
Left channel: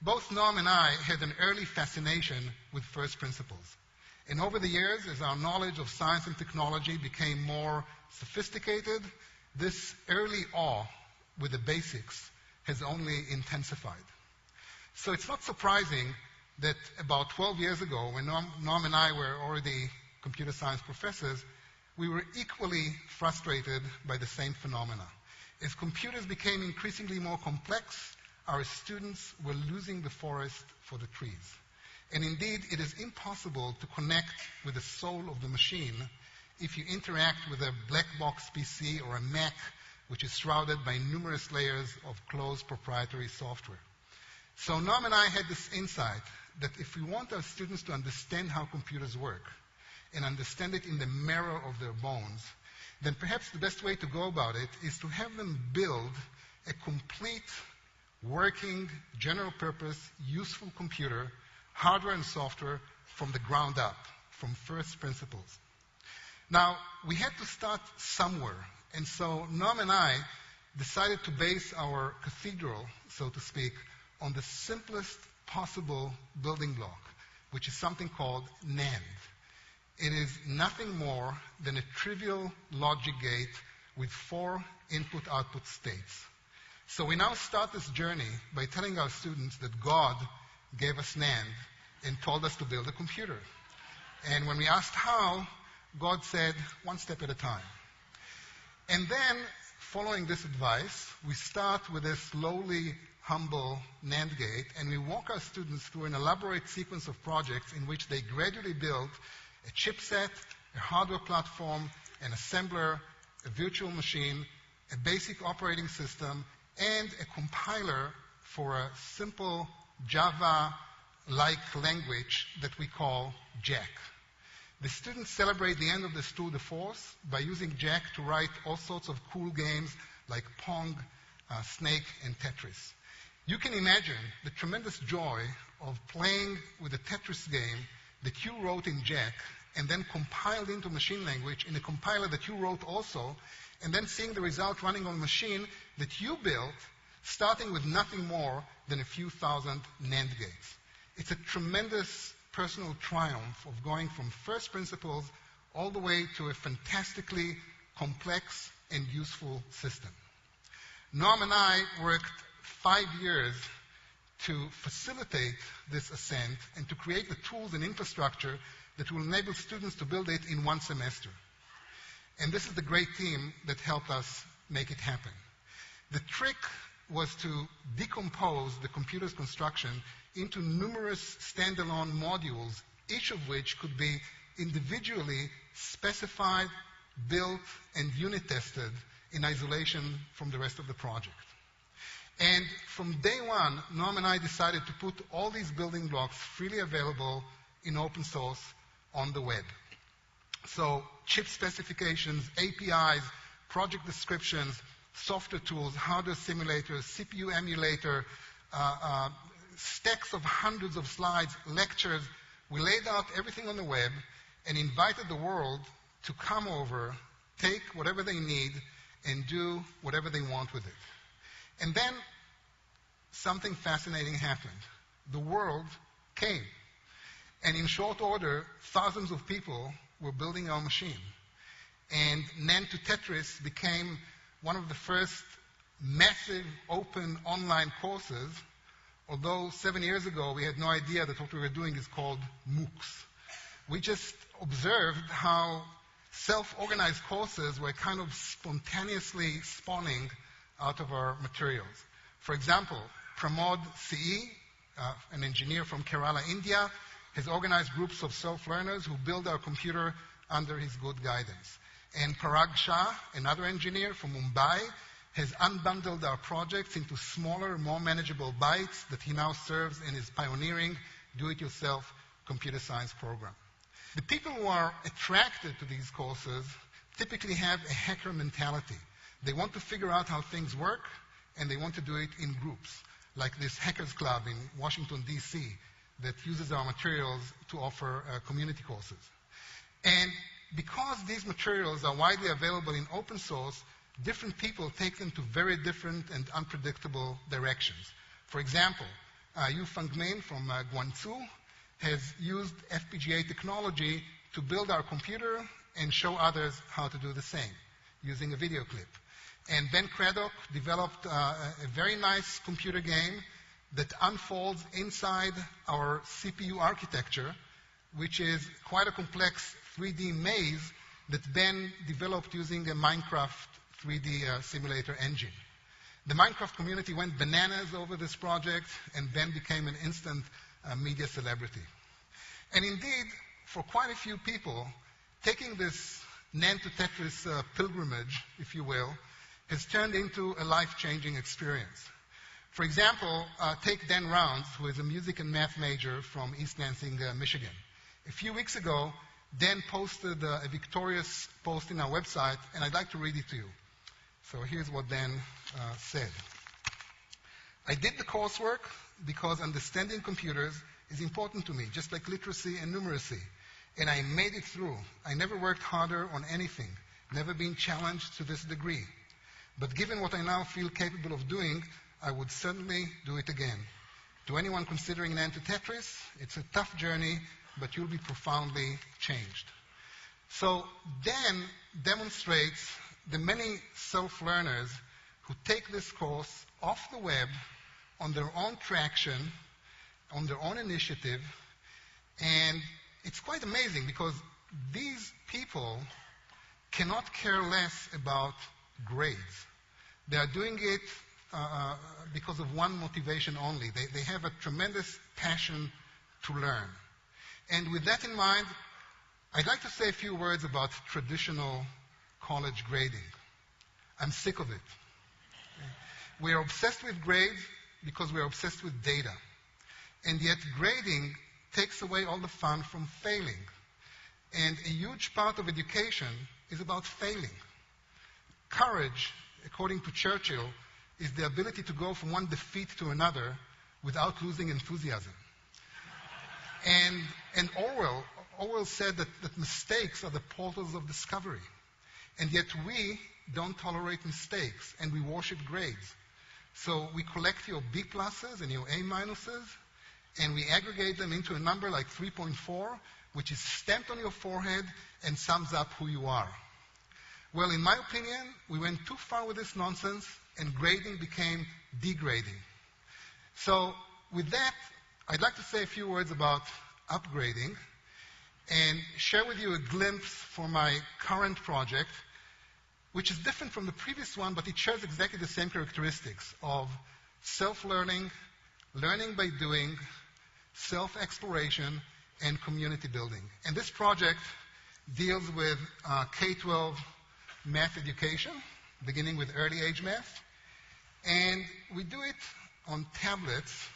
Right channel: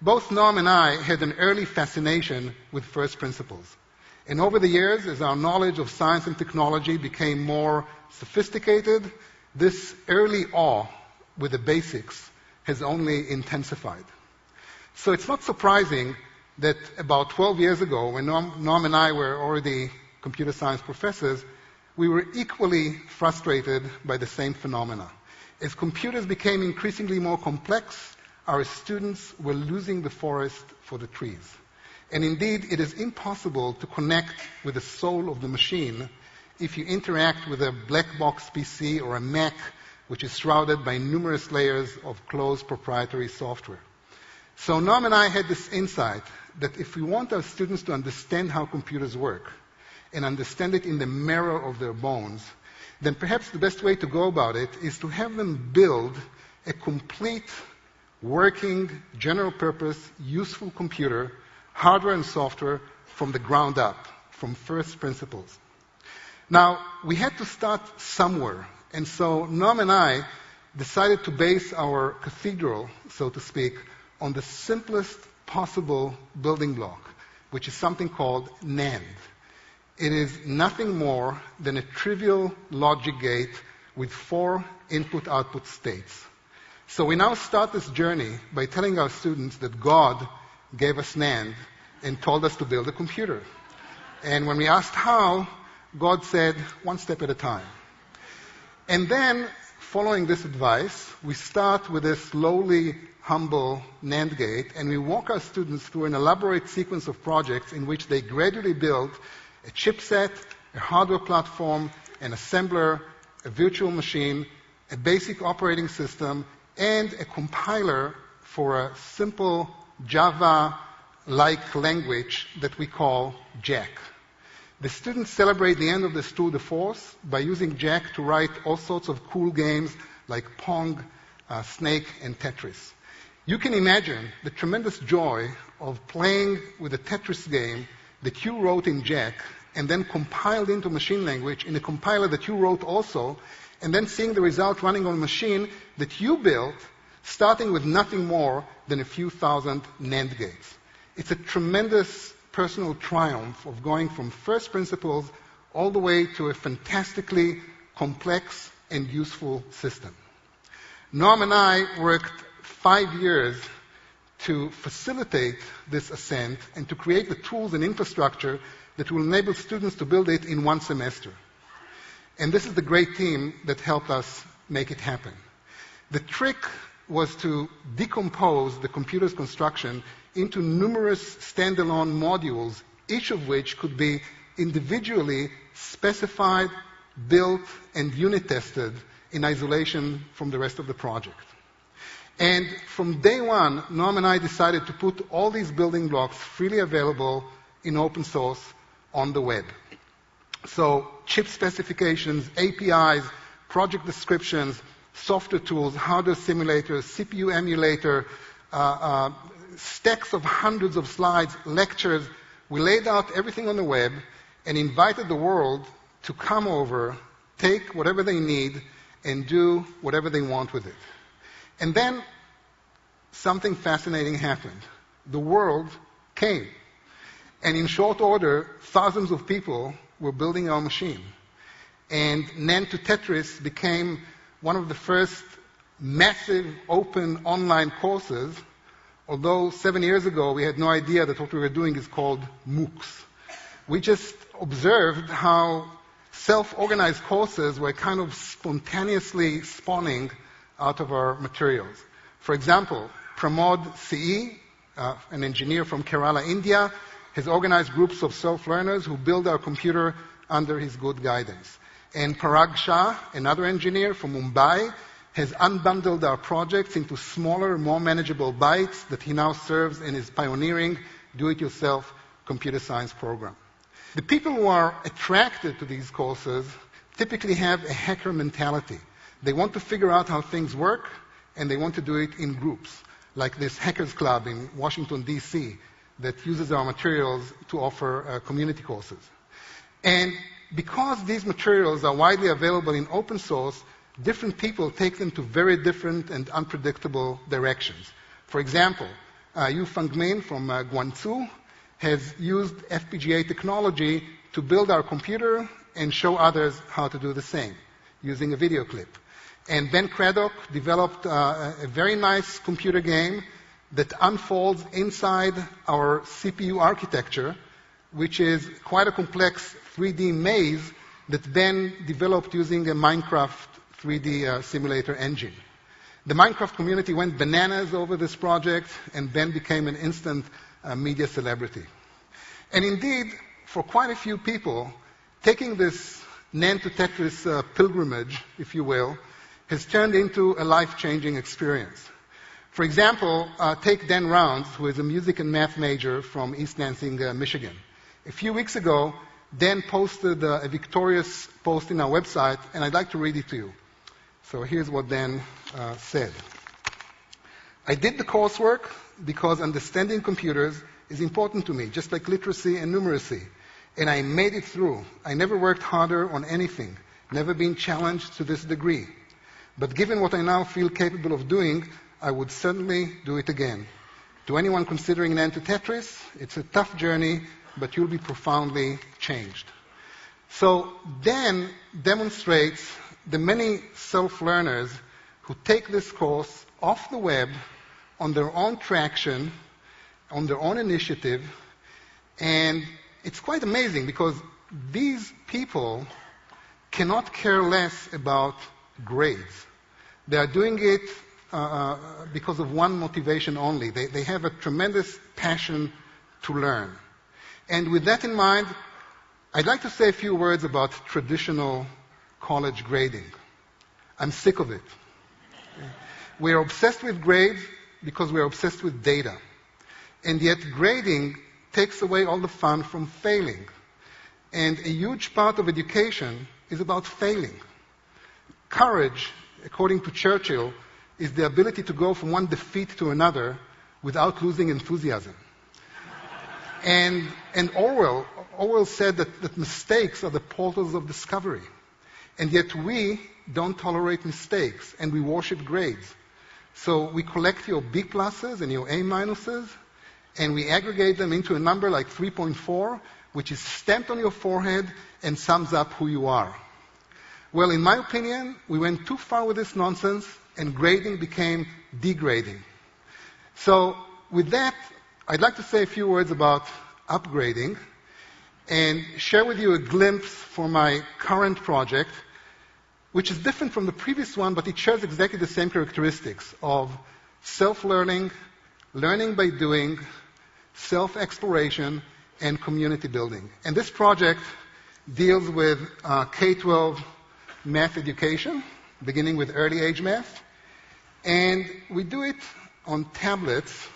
both Noam and I had an early fascination with first principles. And over the years, as our knowledge of science and technology became more sophisticated, this early awe with the basics has only intensified. So it's not surprising that about 12 years ago, when Noam and I were already computer science professors, we were equally frustrated by the same phenomena. As computers became increasingly more complex, our students were losing the forest for the trees. And indeed, it is impossible to connect with the soul of the machine if you interact with a black box PC or a Mac, which is shrouded by numerous layers of closed proprietary software. So Noam and I had this insight that if we want our students to understand how computers work and understand it in the marrow of their bones, then perhaps the best way to go about it is to have them build a complete, working, general-purpose, useful computer, hardware and software, from the ground up, from first principles. Now, we had to start somewhere, and so Noam and I decided to base our cathedral, so to speak, on the simplest possible building block, which is something called NAND. It is nothing more than a trivial logic gate with 4 input-output states. So we now start this journey by telling our students that God gave us NAND and told us to build a computer. And when we asked how, God said, one step at a time. And then, following this advice, we start with this lowly, humble NAND gate, and we walk our students through an elaborate sequence of projects in which they gradually build a chipset, a hardware platform, an assembler, a virtual machine, a basic operating system, and a compiler for a simple Java-like language that we call GEEK. The students celebrate the end of this tour de force by using GEEK to write all sorts of cool games like Pong, Snake, and Tetris. You can imagine the tremendous joy of playing with a Tetris game that you wrote in GEEK and then compiled into machine language in a compiler that you wrote also, and then seeing the result running on a machine that you built, starting with nothing more than a few thousand NAND gates. It's a tremendous personal triumph of going from first principles all the way to a fantastically complex and useful system. Norm and I worked 5 years to facilitate this ascent and to create the tools and infrastructure that will enable students to build it in 1 semester. And this is the great team that helped us make it happen. The trick was to decompose the computer's construction into numerous standalone modules, each of which could be individually specified, built, and unit tested in isolation from the rest of the project. And from day one, Norm and I decided to put all these building blocks freely available in open source on the web. So chip specifications, APIs, project descriptions, software tools, hardware simulators, CPU emulator, stacks of hundreds of slides, lectures. We laid out everything on the web and invited the world to come over, take whatever they need, and do whatever they want with it. And then something fascinating happened. The world came. And in short order, thousands of people were building our machine. And NAND to Tetris became one of the first massive open online courses, although 7 years ago we had no idea that what we were doing is called MOOCs. We just observed how self-organized courses were kind of spontaneously spawning out of our materials. For example, Pramod CE, an engineer from Kerala, India, has organized groups of self-learners who build our computer under his good guidance. And Parag Shah, another engineer from Mumbai, has unbundled our projects into smaller, more manageable bytes that he now serves in his pioneering do-it-yourself computer science program. The people who are attracted to these courses typically have a hacker mentality. They want to figure out how things work, and they want to do it in groups, like this Hackers Club in Washington, D.C., that uses our materials to offer community courses. And because these materials are widely available in open source, different people take them to very different and unpredictable directions. For example, Yu Feng Min from Guangzhou has used FPGA technology to build our computer and show others how to do the same using a video clip. And Ben Craddock developed a very nice computer game that unfolds inside our CPU architecture, which is quite a complex 3D maze that Ben developed using a Minecraft 3D simulator engine. The Minecraft community went bananas over this project, and Ben became an instant media celebrity. And indeed, for quite a few people, taking this NAND to Tetris pilgrimage, if you will, has turned into a life-changing experience. For example, take Dan Rounds, who is a music and math major from East Lansing, Michigan. A few weeks ago, Dan posted a victorious post in our website, and I'd like to read it to you. So here's what Dan said. I did the coursework because understanding computers is important to me, just like literacy and numeracy. And I made it through. I never worked harder on anything, never been challenged to this degree. But given what I now feel capable of doing, I would certainly do it again. To anyone considering NAND to Tetris, it's a tough journey, but you'll be profoundly changed. So Dan demonstrates the many self-learners who take this course off the web on their own traction, on their own initiative, and it's quite amazing because these people cannot care less about grades. They are doing it because of one motivation only. They have a tremendous passion to learn. And with that in mind, I'd like to say a few words about traditional college grading. I'm sick of it. We're obsessed with grades because we're obsessed with data. And yet grading takes away all the fun from failing. And a huge part of education is about failing. Courage, according to Churchill, is the ability to go from one defeat to another without losing enthusiasm. And Orwell said that mistakes are the portals of discovery. And yet we don't tolerate mistakes, and we worship grades. So we collect your B pluses and your A minuses, and we aggregate them into a number like 3.4, which is stamped on your forehead and sums up who you are. Well, in my opinion, we went too far with this nonsense, and grading became degrading. So with that, I'd like to say a few words about upgrading and share with you a glimpse for my current project, which is different from the previous one, but it shares exactly the same characteristics of self-learning, learning by doing, self-exploration, and community building. And this project deals with K-12 math education, beginning with early age math. And we do it on tablets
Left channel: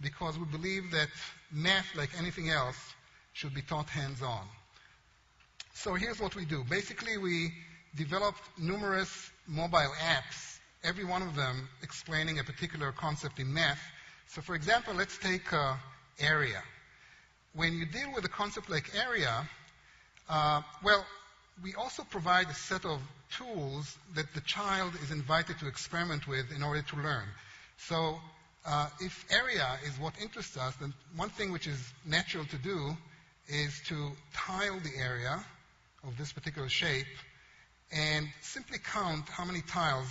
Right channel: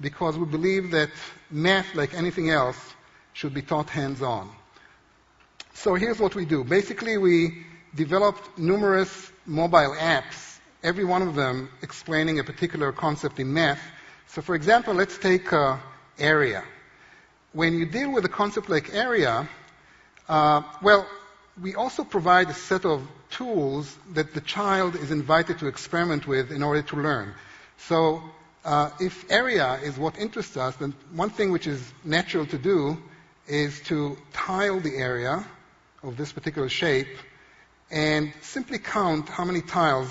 because we believe that math, like anything else, should be taught hands-on. So here's what we do. Basically, we developed numerous mobile apps, every one of them explaining a particular concept in math. So for example, let's take area. When you deal with a concept like area, we also provide a set of tools that the child is invited to experiment with in order to learn. So if area is what interests us, then one thing which is natural to do is to tile the area of this particular shape and simply count how many tiles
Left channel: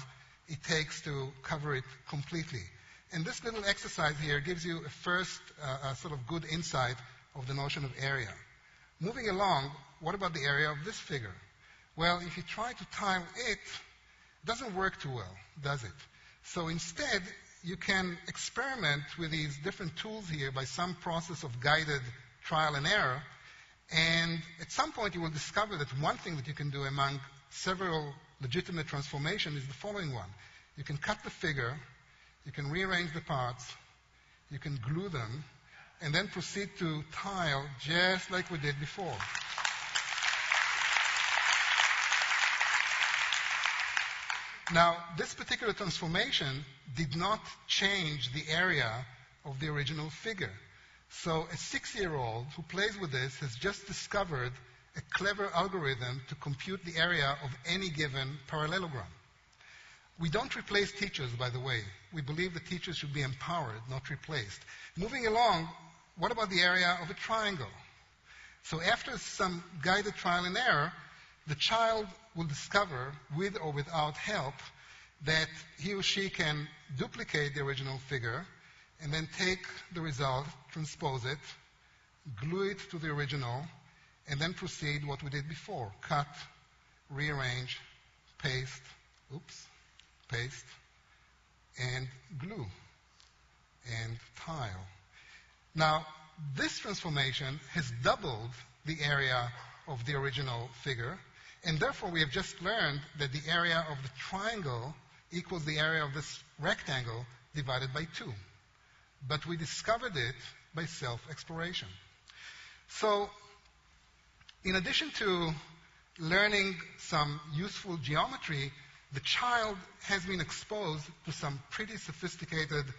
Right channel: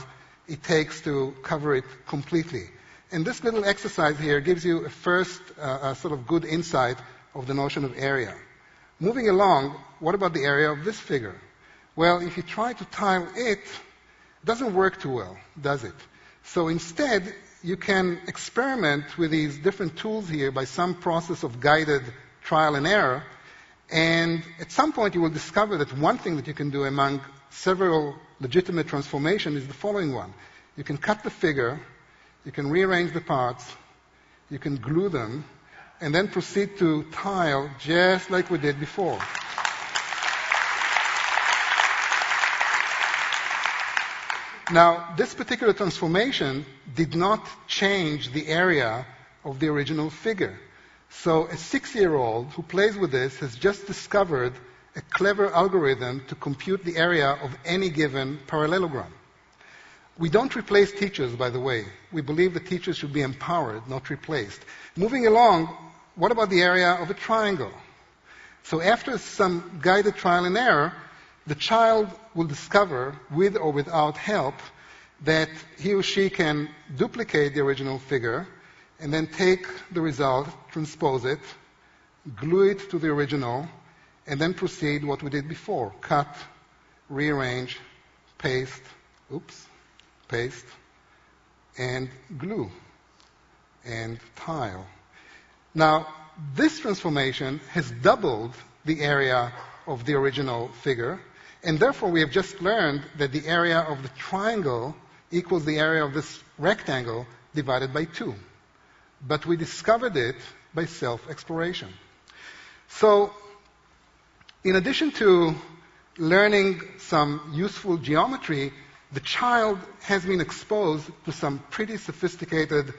it takes to cover it completely. And this little exercise here gives you a first sort of good insight of the notion of area. Moving along, what about the area of this figure? Well, if you try to tile it, it doesn't work too well, does it? So instead, you can experiment with these different tools here by some process of guided trial and error. And at some point, you will discover that one thing that you can do among several legitimate transformations is the following one. You can cut the figure, you can rearrange the parts, you can glue them, and then proceed to tile just like we did before. Now, this particular transformation did not change the area of the original figure. So a 6-year-old who plays with this has just discovered a clever algorithm to compute the area of any given parallelogram. We don't replace teachers, by the way. We believe that teachers should be empowered, not replaced. Moving along, what about the area of a triangle? So after some guided trial and error, the child will discover, with or without help, that he or she can duplicate the original figure and then take the result, transpose it, glue it to the original, and then proceed what we did before. Cut, rearrange, paste, paste, and glue, and tile. Now, this transformation has doubled the area of the original figure, and therefore we have just learned that the area of the triangle equals the area of this rectangle divided by 2. But we discovered it by self-exploration. So, in addition to learning some useful geometry, the child has been exposed to some pretty sophisticated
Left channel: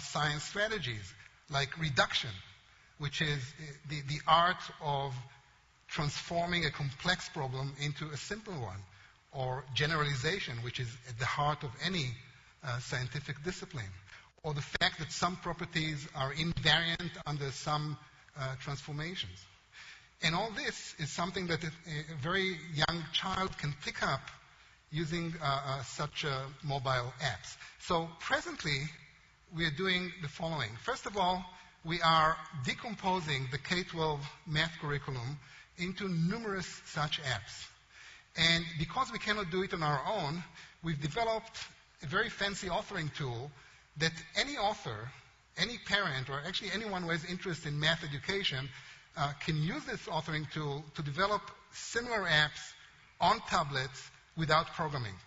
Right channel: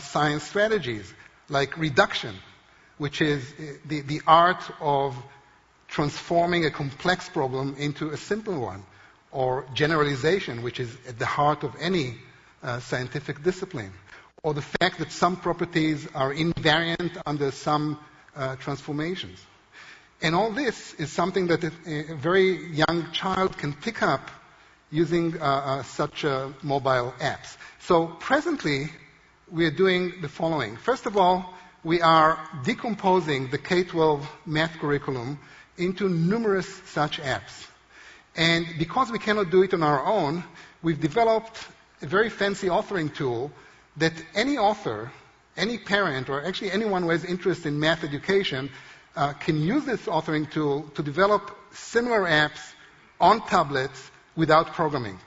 science strategies, like reduction, which is the art of transforming a complex problem into a simple one, or generalization, which is at the heart of any scientific discipline, or the fact that some properties are invariant under some transformations. And all this is something that a very young child can pick up using such mobile apps. So presently, we are doing the following. First of all, we are decomposing the K-12 math curriculum into numerous such apps. And because we cannot do it on our own, we've developed a very fancy authoring tool that any author, any parent, or actually anyone who has interest in math education can use this authoring tool to develop similar apps on tablets without programming.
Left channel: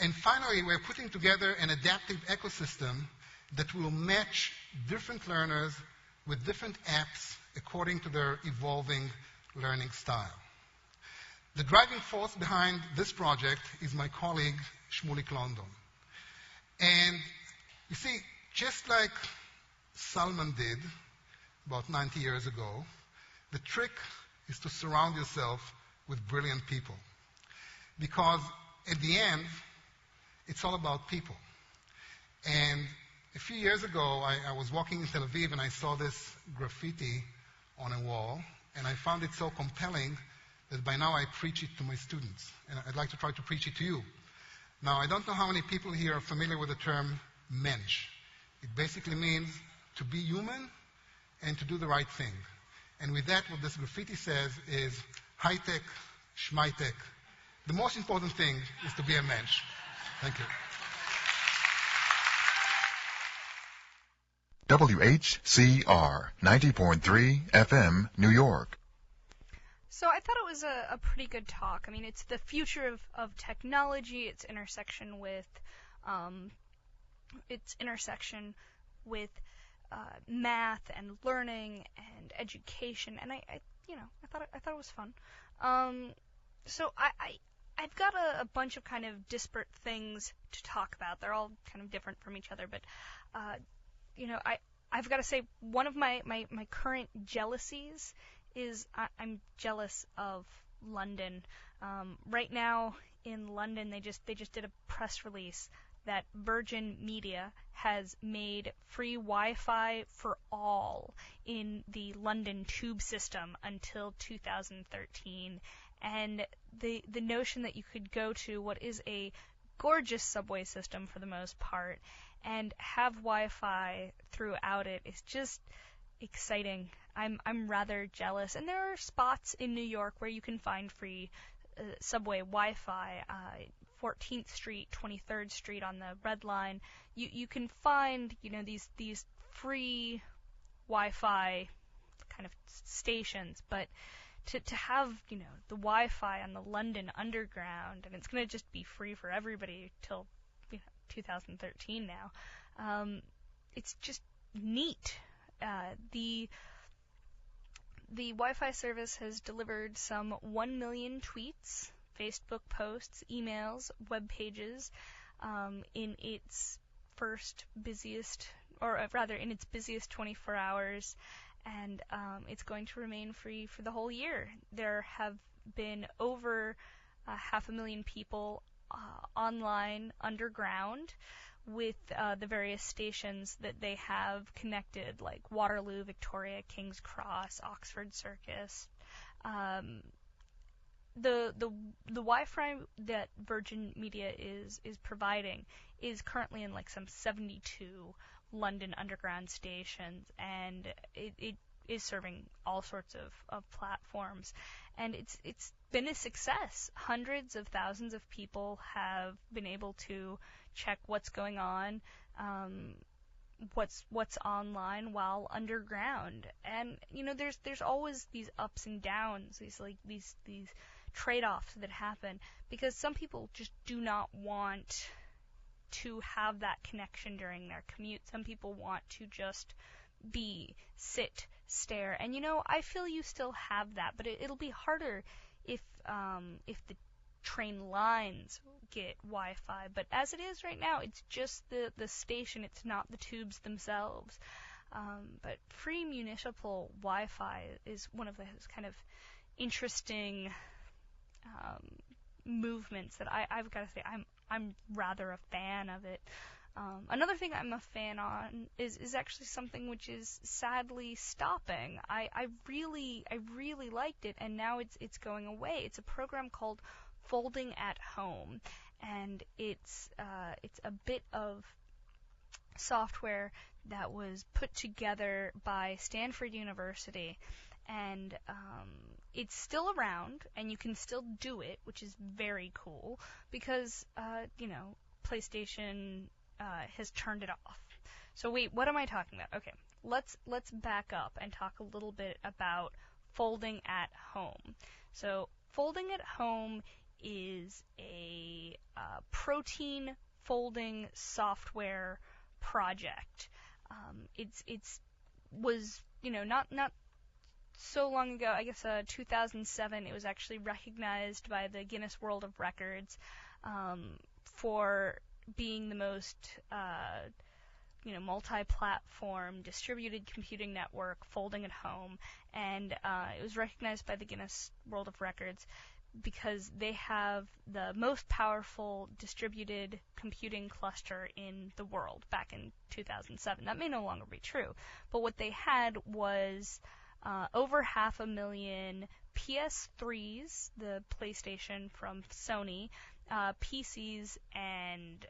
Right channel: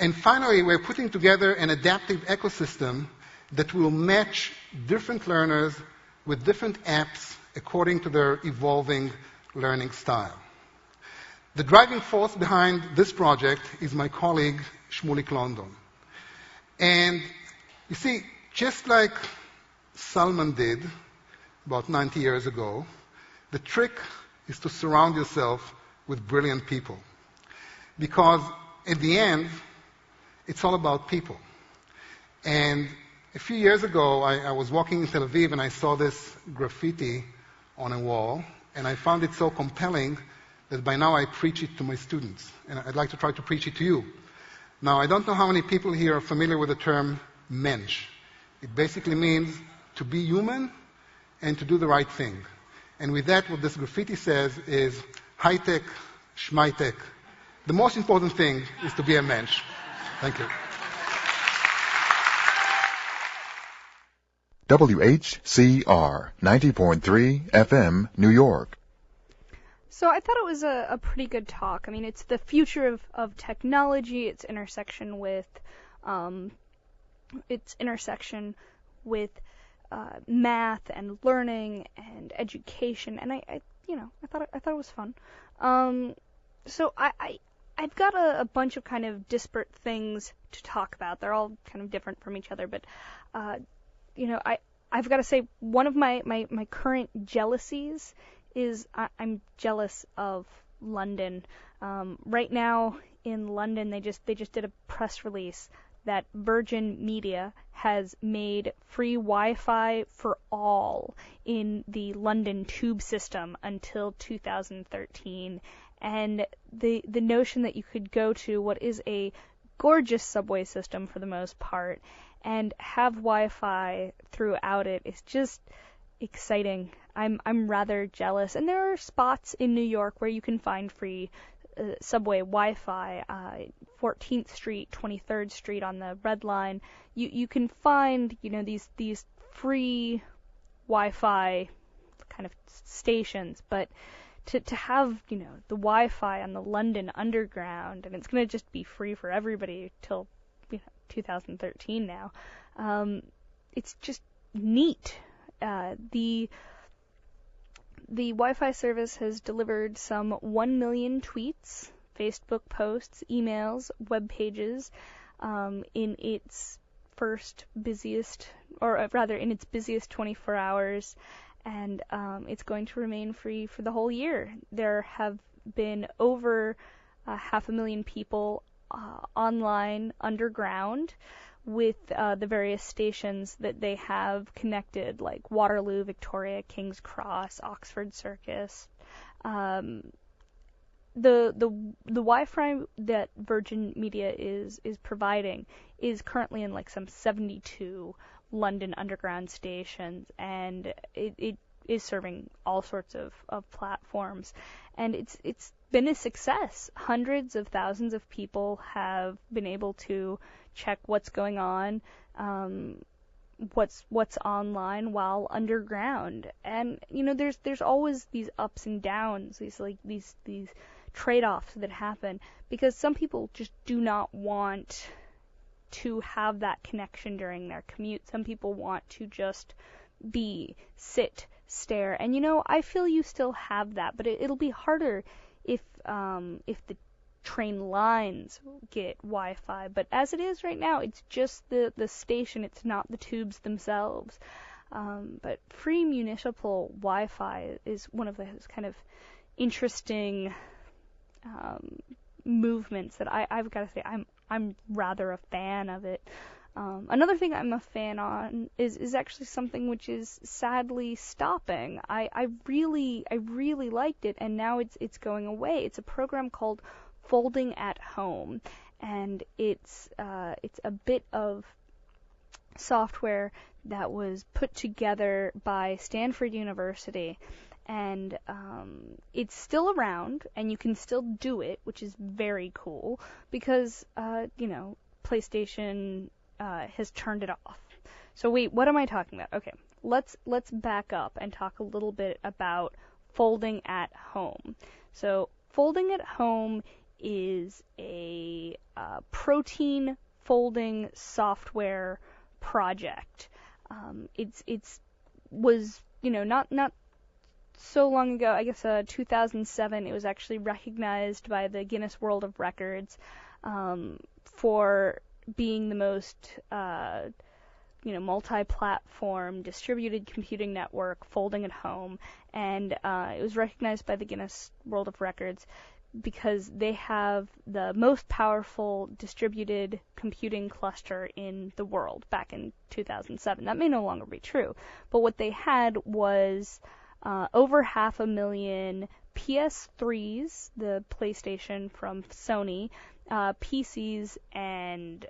And finally, we're putting together an adaptive ecosystem that will match different learners with different apps according to their evolving learning style. The driving force behind this project is my colleague, Shmulik London. And you see, just like Salman did about 90 years ago, the trick is to surround yourself with brilliant people. Because at the end, it's all about people. And a few years ago, I was walking in Tel Aviv and I saw this graffiti on a wall, and I found it so compelling that by now I preach it to my students. And I'd like to try to preach it to you. Now, I don't know how many people here are familiar with the term mensch. It basically means to be human and to do the right thing. And with that, what this graffiti says is high-tech, schmai-tech. The most important thing is to be a mensch. Thank you. WHCR 90.3 FM, New York. So I thought it was a pretty good talk. I mean, it's the future of technology, its intersection with math and learning and education, and I thought it was fun. So I've got a bunch of kind of disparate things to talk about. They're all kind of different from each other, but I've got to say one of my current jealousies is I'm jealous of London. Right now in London, they just did a press release that Virgin Media has made free Wi-Fi for all in the London tube system until 2013. And the notion that you could go to what is a gorgeous subway system for the most part and have Wi-Fi throughout it is just exciting. I'm rather jealous. And there are spots in New York where you can find free subway Wi-Fi. 14th Street, 23rd Street on the Red Line. You can find these free Wi-Fi kind of stations, but to have the Wi-Fi on the London Underground, and it's going to just be free for everybody till 2013 now. It's just neat. The Wi-Fi service has delivered some 1 million tweets, Facebook posts, emails, web pages in its busiest 24 hours, and it's going to remain free for the whole year. There have been over 500,000 people online underground with the various stations that they have connected, like Waterloo, Victoria, King's Cross, Oxford Circus. The Wi-Fi that Virgin Media is providing is currently in like some 72 London Underground stations, and it is serving all sorts of platforms, and it's been a success. Hundreds of thousands of people have been able to check what's going on, what's online while underground, and there's always these ups and downs, these trade-offs that happen, because some people just do not want to have that connection during their commute. Some people want to just sit, stare, and I feel you still have that, but it'll be harder if the train lines get Wi-Fi. But as it is right now, it's just the station, it's not the tubes themselves. But free municipal Wi-Fi is one of those kind of interesting movements that I've got to say I'm rather a fan of it. Another thing I'm a fan on is actually something which is sadly stopping. I really liked it, and now it's going away. It's a program called Folding at Home, and it's a bit of software that was put together by Stanford University, and it's still around, and you can still do it, which is very cool, because PlayStation has turned it off. So wait, what am I talking about? Okay, let's back up and talk a little bit about folding at home. So folding at home is a protein folding software project. It's was not so long ago. I guess 2007. It was actually recognized by the Guinness World of Records for being the most multi-platform distributed computing network folding at home, and it was recognized by the Guinness World of Records because they have the most powerful distributed computing cluster in the world back in 2007. That may no longer be true, but what they had was over 500,000 PS3s, the PlayStation from Sony, PCs, and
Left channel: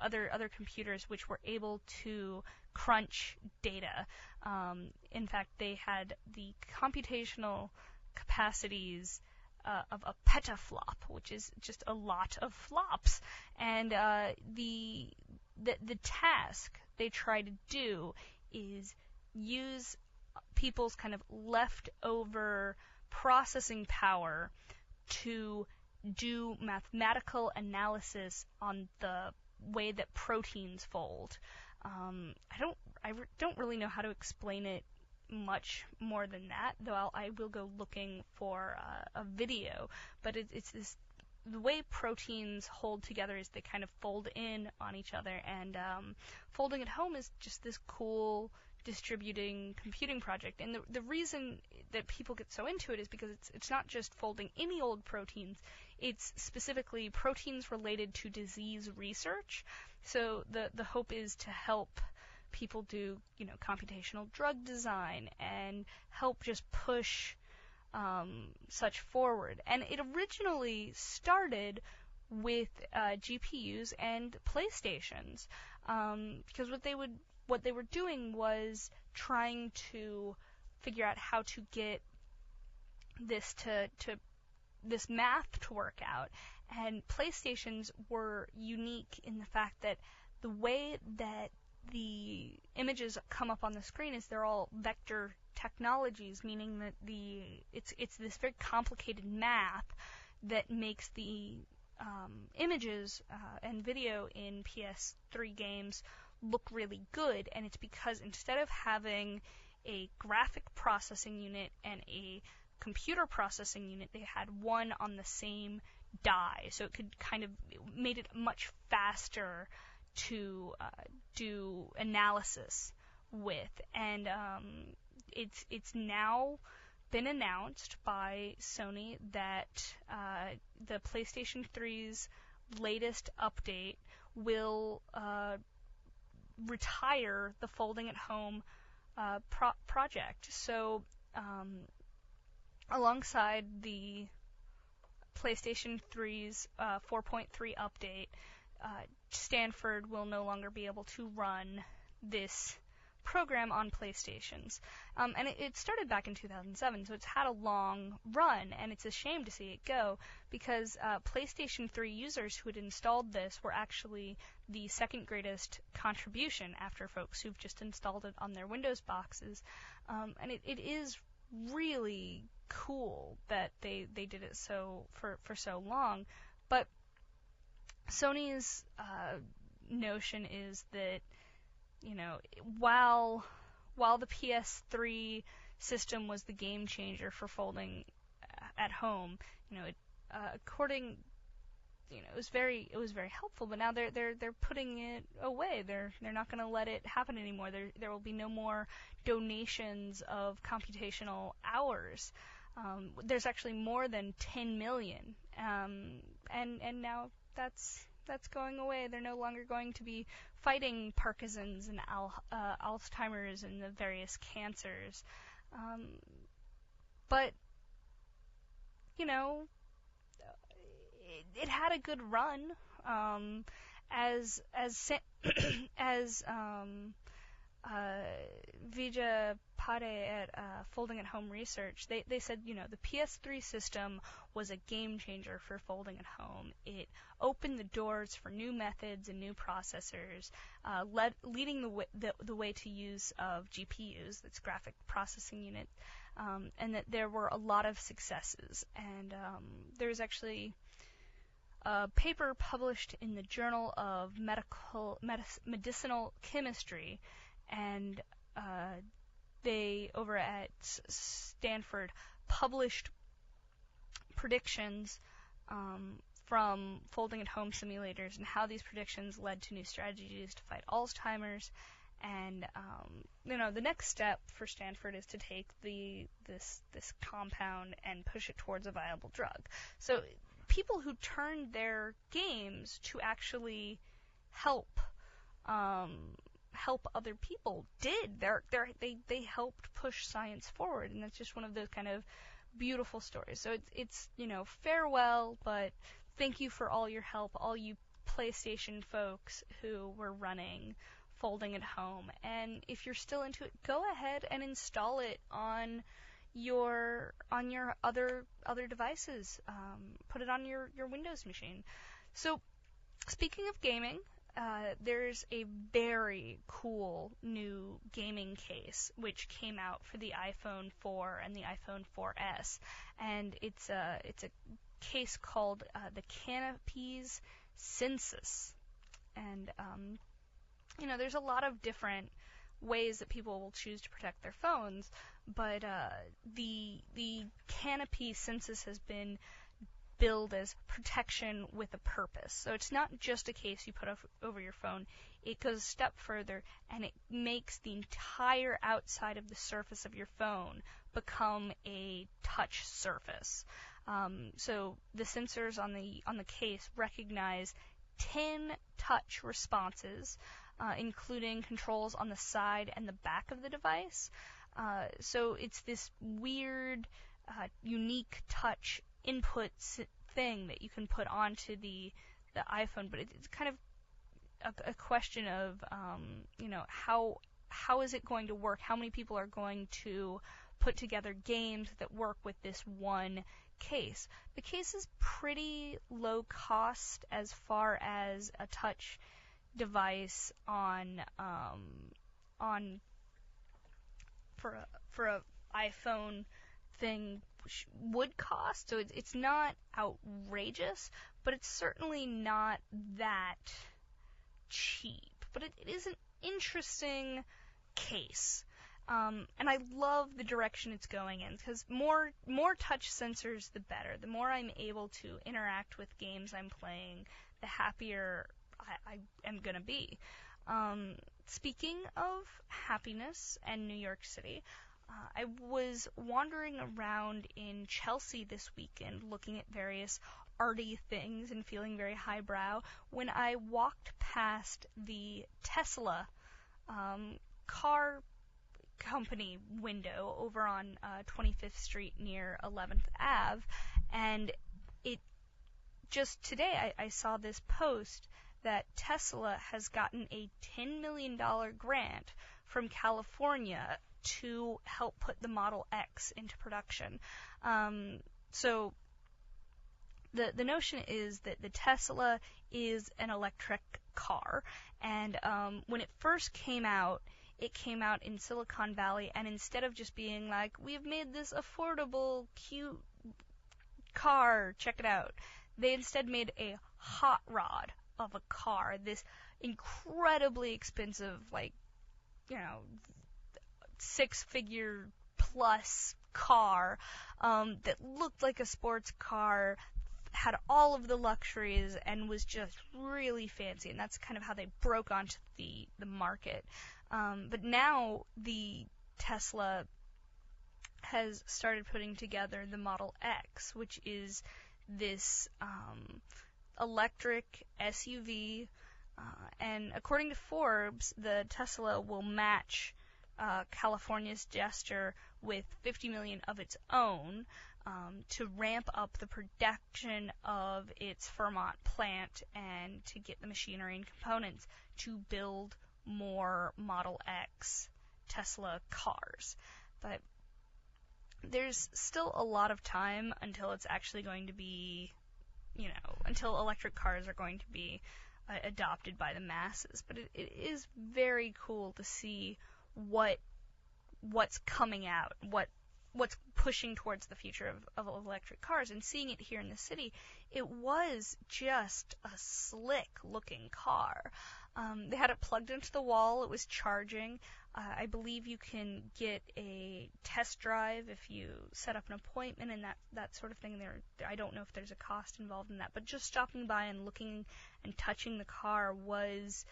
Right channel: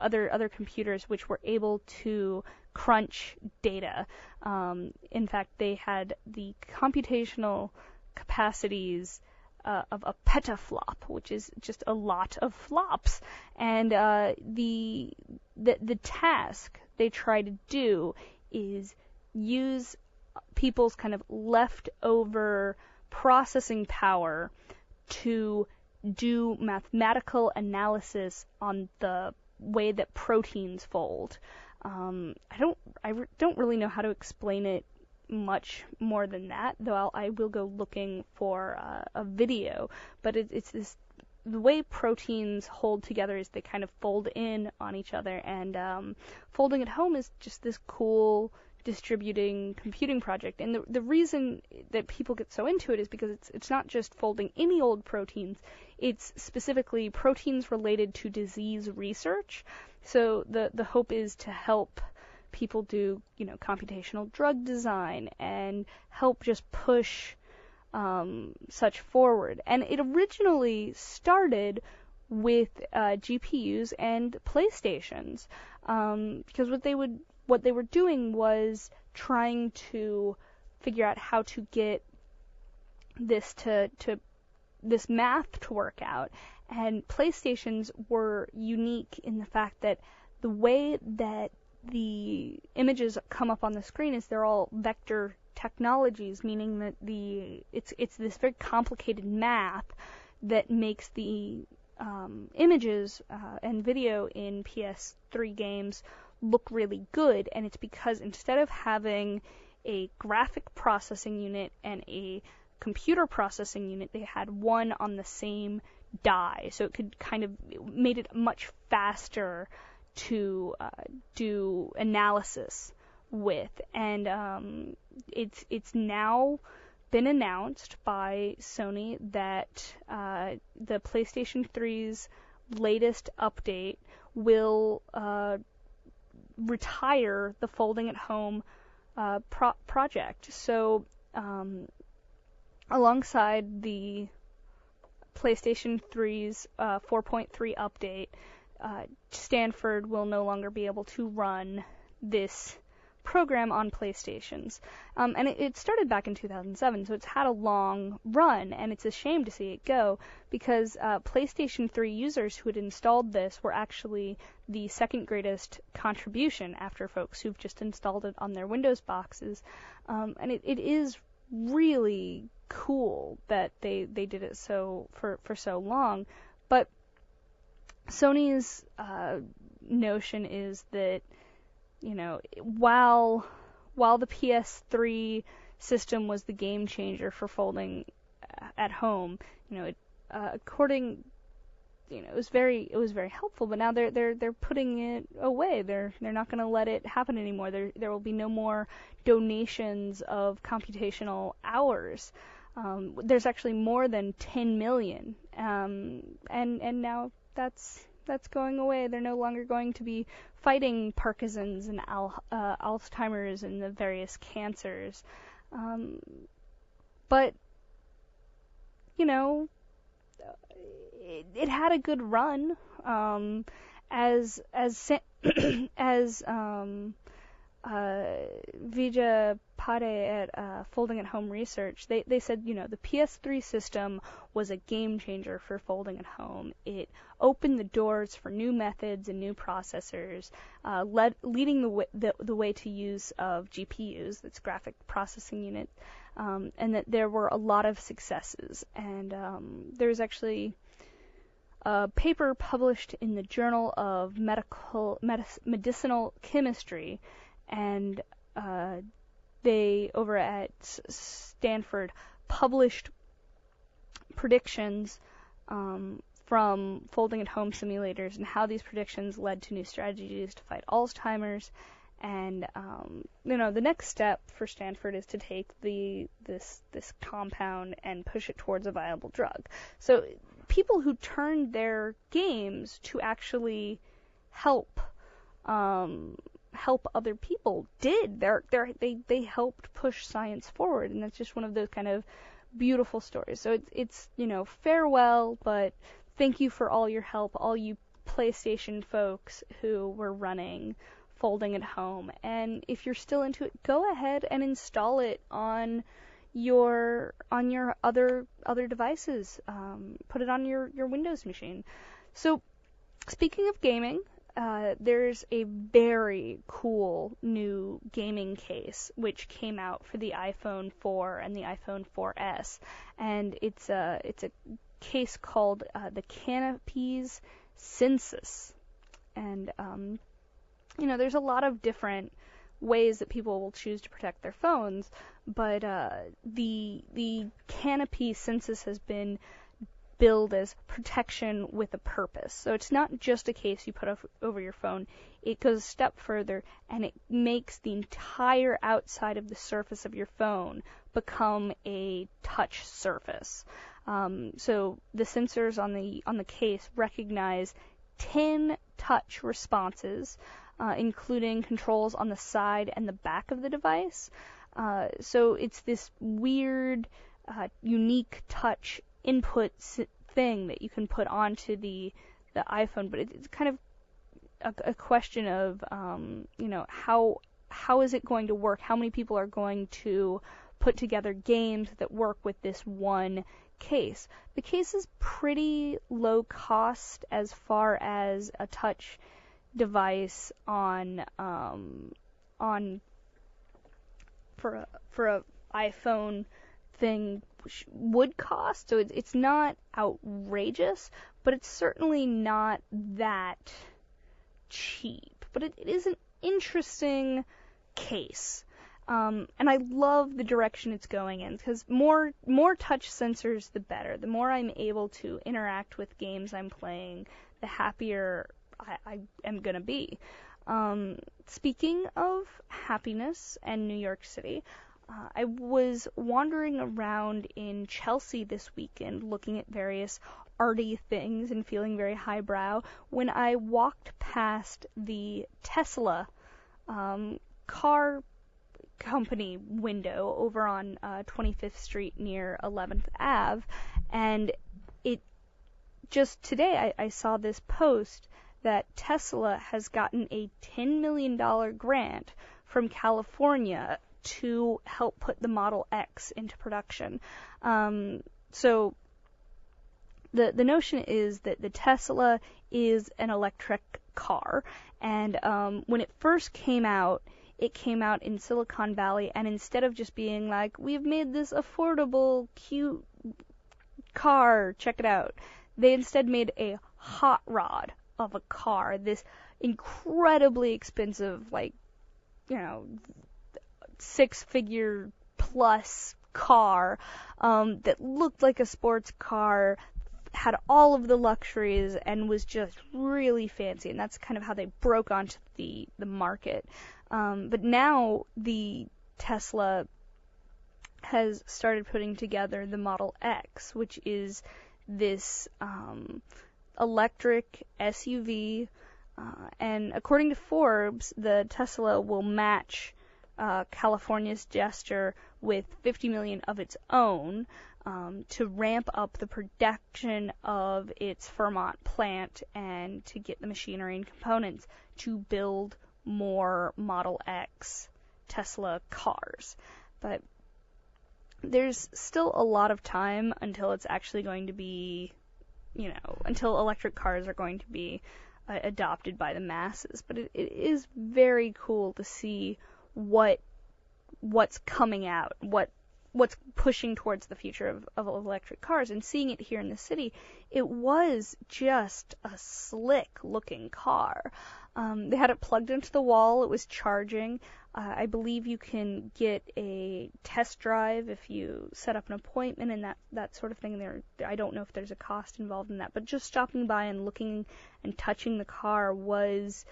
other computers which were able to crunch data. In fact, they had the computational capacities of a petaflop, which is just a lot of flops. And the task they try to do is use people's kind of leftover processing power to do mathematical analysis on the way that proteins fold. I don't really know how to explain it much more than that, though I will go looking for a video. But it's this, the way proteins hold together is they kind of fold in on each other, and folding at home is just this cool distributing computing project. And the reason that people get so into it is because it's not just folding any old proteins, it's specifically proteins related to disease research. So the hope is to help people do, computational drug design and help just push such forward. And it originally started with GPUs and PlayStations, because what they were doing was trying to figure out how to get this this math to work out. And PlayStations were unique in the fact that the way that the images come up on the screen is they're all vector technologies, meaning that it's this very complicated math that makes the images and video in PS3 games look really good. And it's because instead of having a graphic processing unit and a computer processing unit, they had one on the same die, so it could made it much faster to do analysis with. And it's now been announced by Sony that the PlayStation 3's latest update will retire the folding at home project. So alongside the PlayStation 3's 4.3 update, Stanford will no longer be able to run this program on PlayStations. And it started back in 2007, so it's had a long run, and it's a shame to see it go, because PlayStation 3 users who had installed this were actually the second greatest contribution after folks who've just installed it on their Windows boxes. And it is really cool that they did it for so long. But Sony's notion is that, while the PS3 system was the game changer for folding at home, it was very helpful. But now they're putting it away. They're not going to let it happen anymore. There will be no more donations of computational hours. There's actually more than 10 million, and now that's going away. They're no longer going to be fighting Parkinson's and Alzheimer's and the various cancers. But it had a good run. As Vijay Pade at Folding at Home Research, they said, the PS3 system was a game changer for folding at home. It opened the doors for new methods and new processors, leading the way to use of GPUs, that's graphic processing unit, and that there were a lot of successes. And there's actually a paper published in the Journal of Medicinal Chemistry, and they, over at Stanford, published predictions from folding at home simulators and how these predictions led to new strategies to fight Alzheimer's. And the next step for Stanford is to take this compound and push it towards a viable drug. So people who turned their games to actually help other people did. They helped push science forward, and that's just one of those kind of beautiful stories. So it's farewell, but thank you for all your help, all you PlayStation folks who were running folding at home. And if you're still into it, go ahead and install it on your other devices. Put it on your Windows machine. So speaking of gaming, there's a very cool new gaming case which came out for the iPhone 4 and the iPhone 4S, and it's a case called the Canopy's Census. And there's a lot of different ways that people will choose to protect their phones, but the Canopy Census has been billed as protection with a purpose. So it's not just a case you put over your phone. It goes a step further, and it makes the entire outside of the surface of your phone become a touch surface. So the sensors on the case recognize 10 touch responses, including controls on the side and the back of the device. So it's this weird, unique touch input thing that you can put onto the iPhone, but it's kind of a question of how is it going to work? How many people are going to put together games that work with this one case? The case is pretty low cost as far as a touch device for a iPhone thing would cost, so it's not outrageous, but it's certainly not that cheap. But it is an interesting case, and I love the direction it's going in, because more touch sensors, the better. The more I'm able to interact with games I'm playing, the happier I am gonna be. Speaking of happiness and New York City, I was wandering around in Chelsea this weekend looking at various arty things and feeling very highbrow when I walked past the Tesla car company window over on 25th Street near 11th Ave, and it just today I saw this post that Tesla has gotten a $10 million grant from California to help put the Model X into production. So the notion is that the Tesla is an electric car, and when it first came out, it came out in Silicon Valley, and instead of just being like, we've made this affordable, cute car, check it out, they instead made a hot rod of a car, this incredibly expensive, six-figure plus car that looked like a sports car, had all of the luxuries, and was just really fancy. And that's kind of how they broke onto the market. But now the Tesla has started putting together the Model X, which is this electric SUV. And according to Forbes, the Tesla will match California's gesture with $50 million of its own to ramp up the production of its Fremont plant and to get the machinery and components to build more Model X Tesla cars. But there's still a lot of time until it's actually going to be, until electric cars are going to be adopted by the masses. But it is very cool to see what's coming out, what's pushing towards the future of electric cars, and seeing it here in the city. It was just a slick looking car. They had it plugged into the wall. It was charging. I believe you can get a test drive if you set up an appointment and that sort of thing. I don't know if there's a cost involved in that, but just stopping by and looking and touching the car was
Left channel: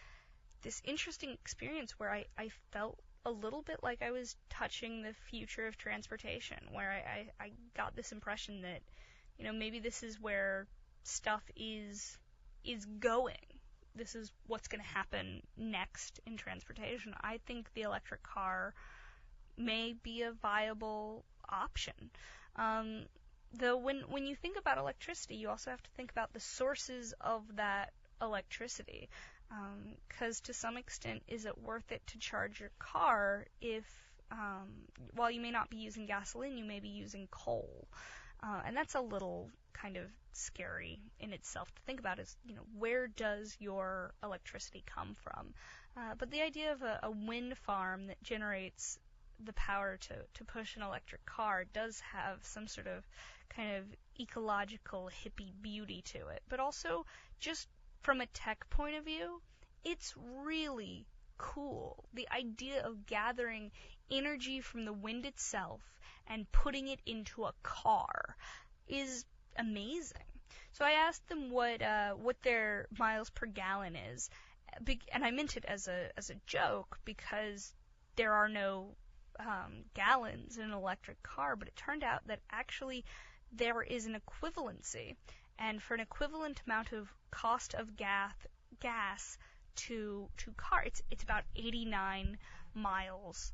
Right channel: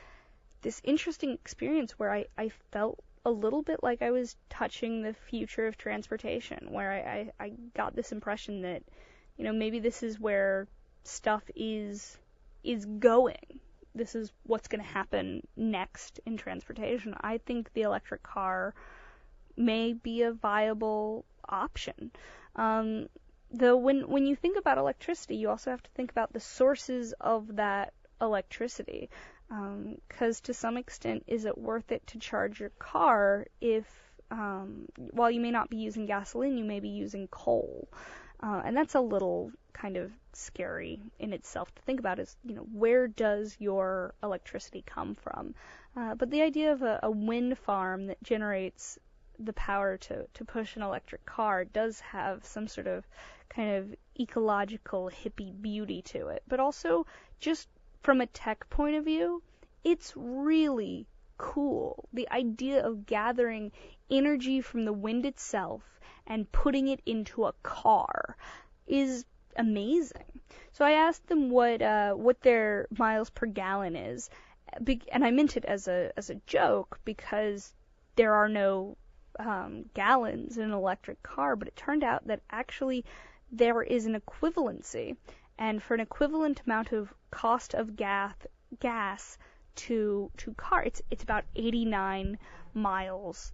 this interesting experience where I felt a little bit like I was touching the future of transportation, where I got this impression that, maybe this is where stuff is going. This is what's going to happen next in transportation. I think the electric car may be a viable option. Though when you think about electricity, you also have to think about the sources of that electricity. Because to some extent, is it worth it to charge your car if, while you may not be using gasoline, you may be using coal? And that's a little kind of scary in itself to think about, is, where does your electricity come from? But the idea of a wind farm that generates the power to push an electric car does have some sort of kind of ecological hippie beauty to it. But also, just from a tech point of view, it's really cool. The idea of gathering energy from the wind itself and putting it into a car is amazing. So I asked them what their miles per gallon is, and I meant it as a joke because there are no gallons in an electric car, but it turned out that actually there is an equivalency, and for an equivalent amount of cost of gas to car, it's about 89 miles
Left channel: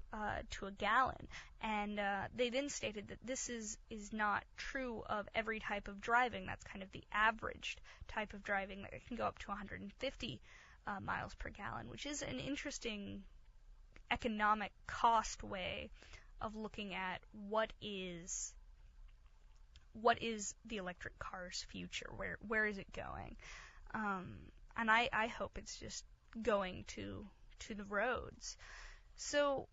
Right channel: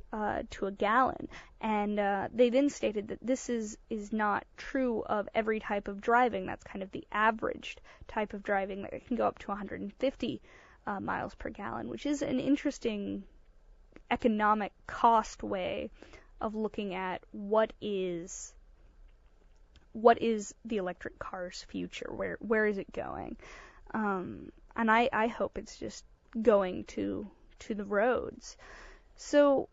to a gallon. And they then stated that this is not true of every type of driving. That's kind of the averaged type of driving, that it can go up to 150 miles per gallon, which is an interesting economic cost way of looking at what is the electric car's future, where is it going. And I hope it's just going to the roads. So,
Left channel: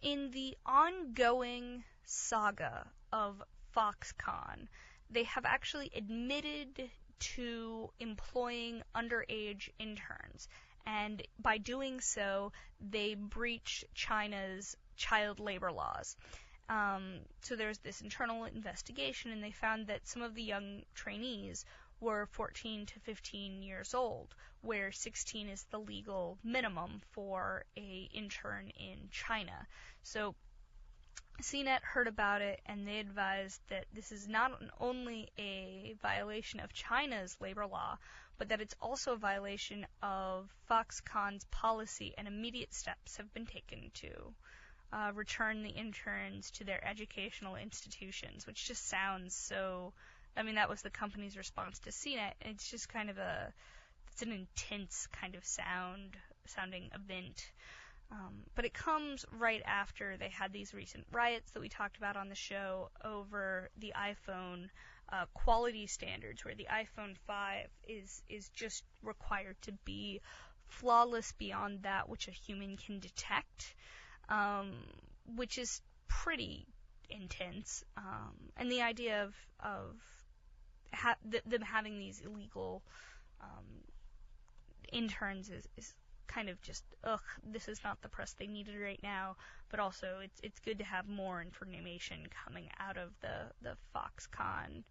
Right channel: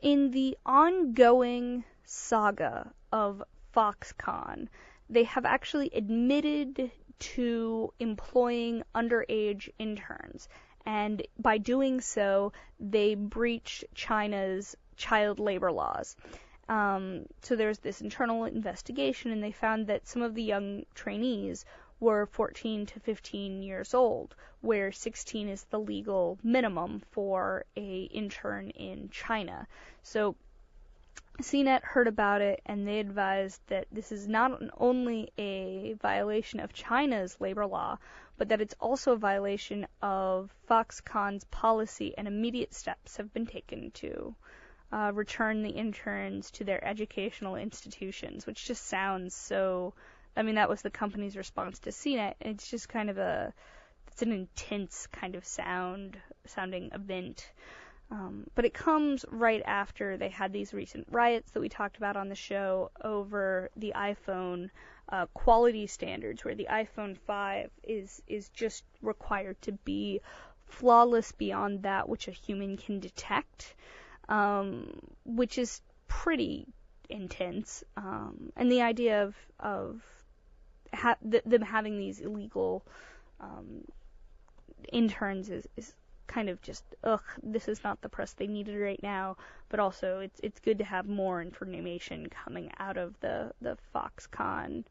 in the ongoing saga of Foxconn, they have actually admitted to employing underage interns, and by doing so, they breach China's child labor laws. So there's this internal investigation, and they found that some of the young trainees were 14 to 15 years old, where 16 is the legal minimum for a intern in China. So CNET heard about it, and they advised that this is not only a violation of China's labor law, but that it's also a violation of Foxconn's policy, and immediate steps have been taken to return the interns to their educational institutions, which just sounds so... I mean, that was the company's response to CNET. It's just kind of it's an intense kind of sounding event. But it comes right after they had these recent riots that we talked about on the show over the iPhone quality standards, where the iPhone 5 is just required to be flawless beyond that which a human can detect, which is pretty intense. And the idea of them having these illegal interns is kind of just, this is not the press they needed right now. But also, it's good to have more information coming out of the Foxconn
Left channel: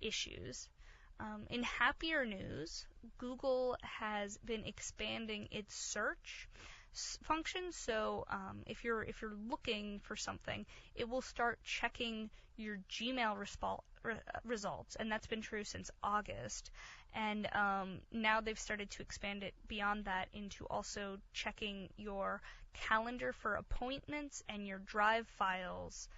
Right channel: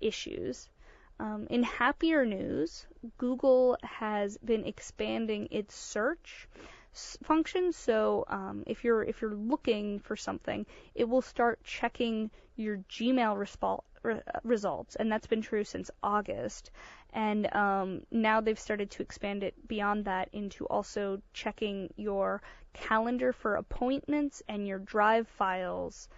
issues. In happier news, Google has been expanding its search function. So if you're looking for something, it will start checking your Gmail results, and that's been true since August. And now they've started to expand it beyond that into also checking your calendar for appointments and your Drive files,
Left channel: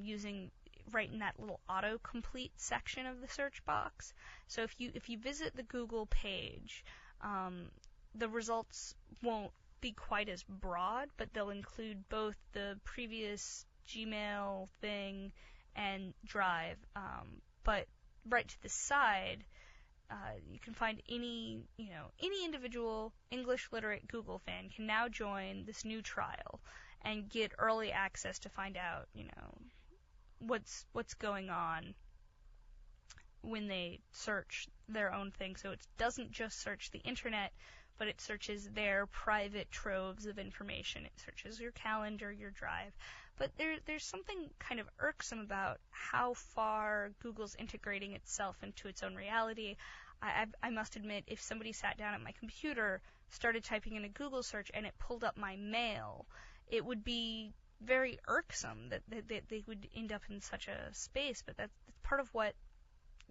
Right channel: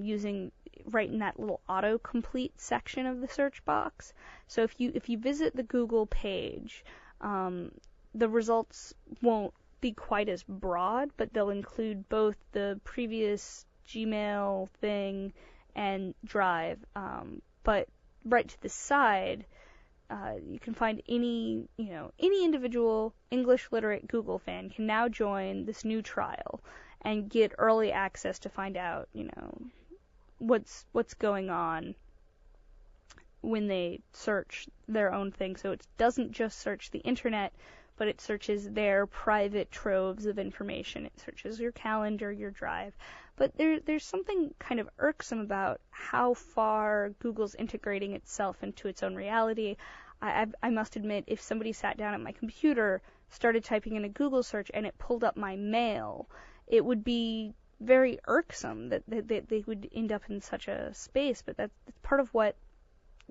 using right in that little autocomplete section of the search box. So if you visit the Google page, the results won't be quite as broad, but they'll include both the previous Gmail thing and Drive. But right to the side, you can find any individual English literate Google fan can now join this new trial and get early access to find out, what's going on when they search their own thing. So it doesn't just search the internet, but it searches their private troves of information. It searches your calendar, your Drive. But there's something kind of irksome about how far Google's integrating itself into its own reality. I must admit, if somebody sat down at my computer, started typing in a Google search, and it pulled up my mail, it would be very irksome that they would end up in such a space. But that's part of what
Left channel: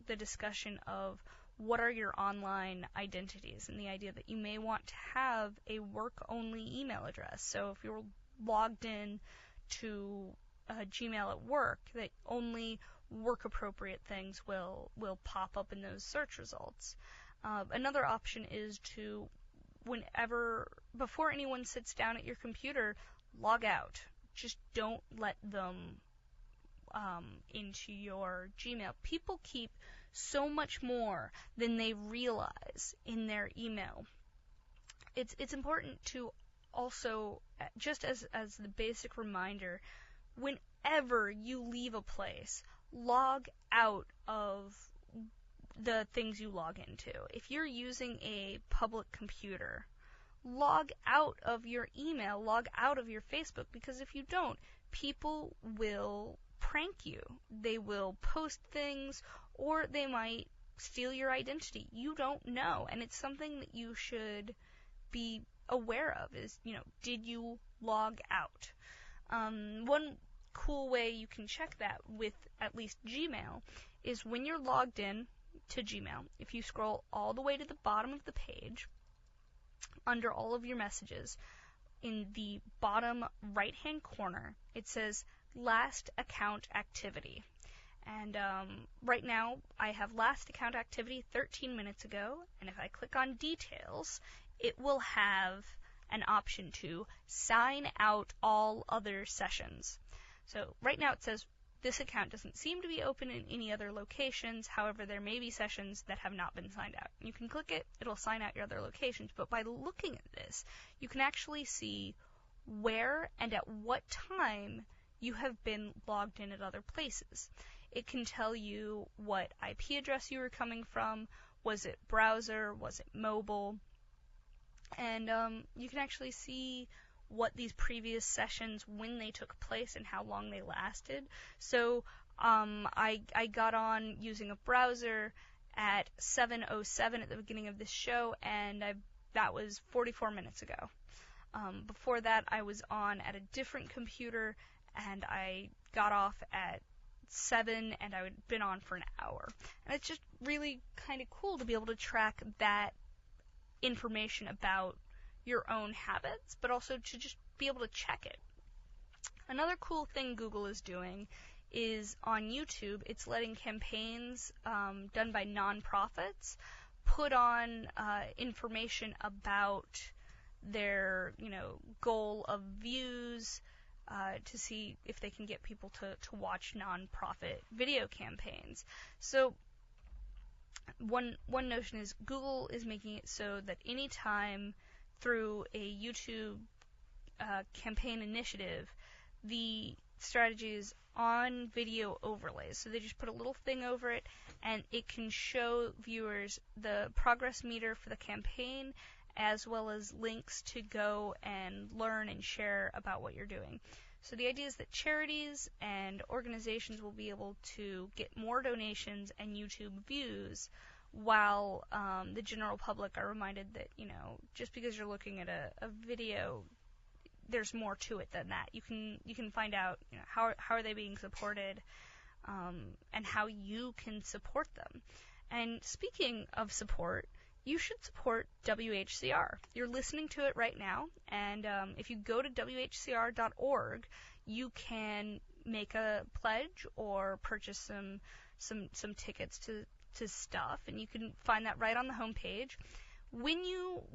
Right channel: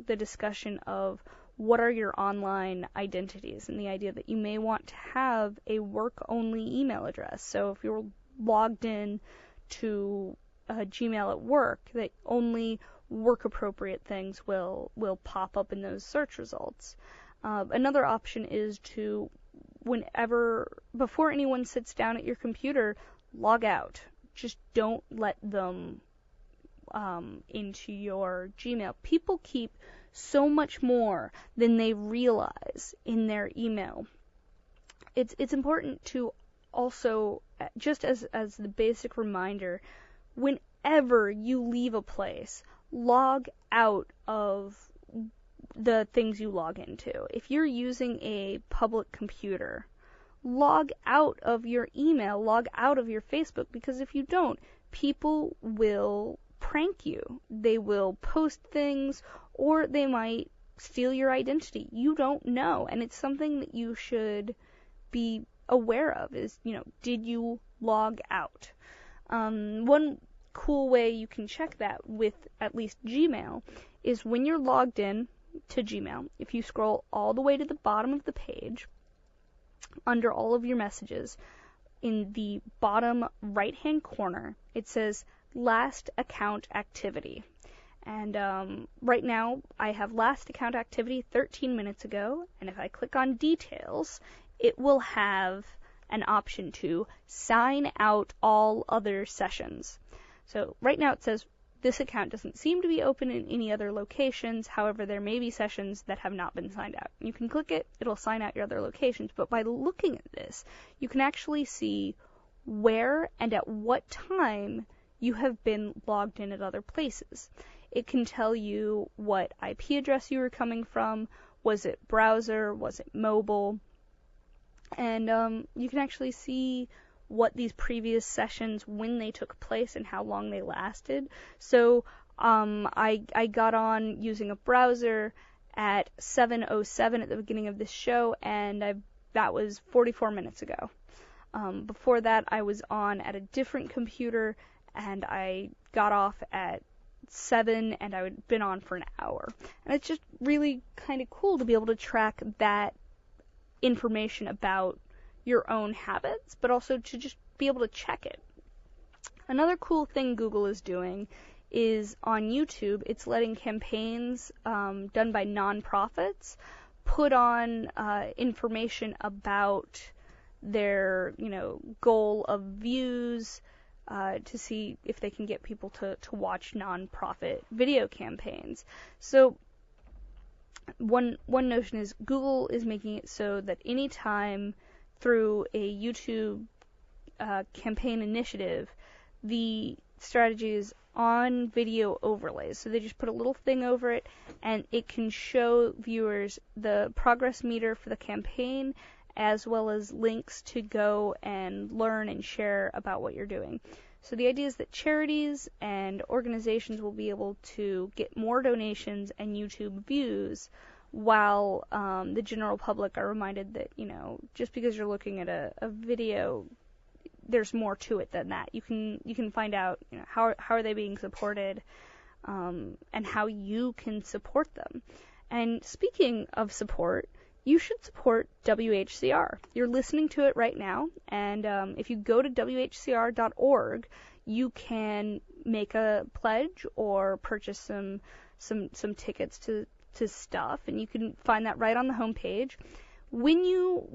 the discussion of what are your online identities, and the idea that you may want to have a work-only email address. So if you're logged in to Gmail at work, that only work-appropriate things will pop up in those search results. Another option is to, before anyone sits down at your computer, log out. Just don't let them into your Gmail. People keep so much more than they realize in their email. It's important to also, just as the basic reminder, whenever you leave a place, log out of the things you log into. If you're using a public computer, log out of your email, log out of your Facebook, because if you don't, people will prank you. They will post things, or they might steal your identity. You don't know, and it's something that you should be aware of is, did you log out? One cool way you can check that with at least Gmail is when you're logged in to Gmail, if you scroll all the way to the bottom of the page, under all of your messages, in the bottom right-hand corner, it says Last Account Activity. And right now, I have last account activity 13 minutes ago, and if I click on Details, it will have an option to sign out all other sessions. So right now it says this account doesn't seem to be open in any other locations. However, there may be sessions that have not been signed out. You can click it, it'll sign out your other locations. But by looking at this, you can actually see where and at what time you have been logged in at other places. It can tell you what IP address you were coming from. Was it browser? Was it mobile? And you can actually see what these previous sessions, when they took place and how long they lasted. So I got on using a browser at 7:07 at the beginning of this show, and that was 44 minutes ago. Before that, I was on at a different computer, and I got off at 7, and I had been on for an hour. And it's just really kind of cool to be able to track that information about your own habits, but also to just be able to check it. Another cool thing Google is doing is on YouTube, it's letting campaigns done by nonprofits put on information about their, goal of views, to see if they can get people to watch nonprofit video campaigns. So one notion is Google is making it so that anytime through a YouTube campaign initiative, the strategy is on video overlays. So they just put a little thing over it, and it can show viewers the progress meter for the campaign, as well as links to go and learn and share about what you're doing. So the idea is that charities and organizations will be able to get more donations and YouTube views, while the general public are reminded that, just because you're looking at a video, there's more to it than that. You can find out, how are they being supported, and how you can support them. And speaking of support, you should support WHCR. You're listening to it right now, and if you go to WHCR.org, you can make a pledge or purchase some tickets to stuff, and you can find that right on the homepage. when you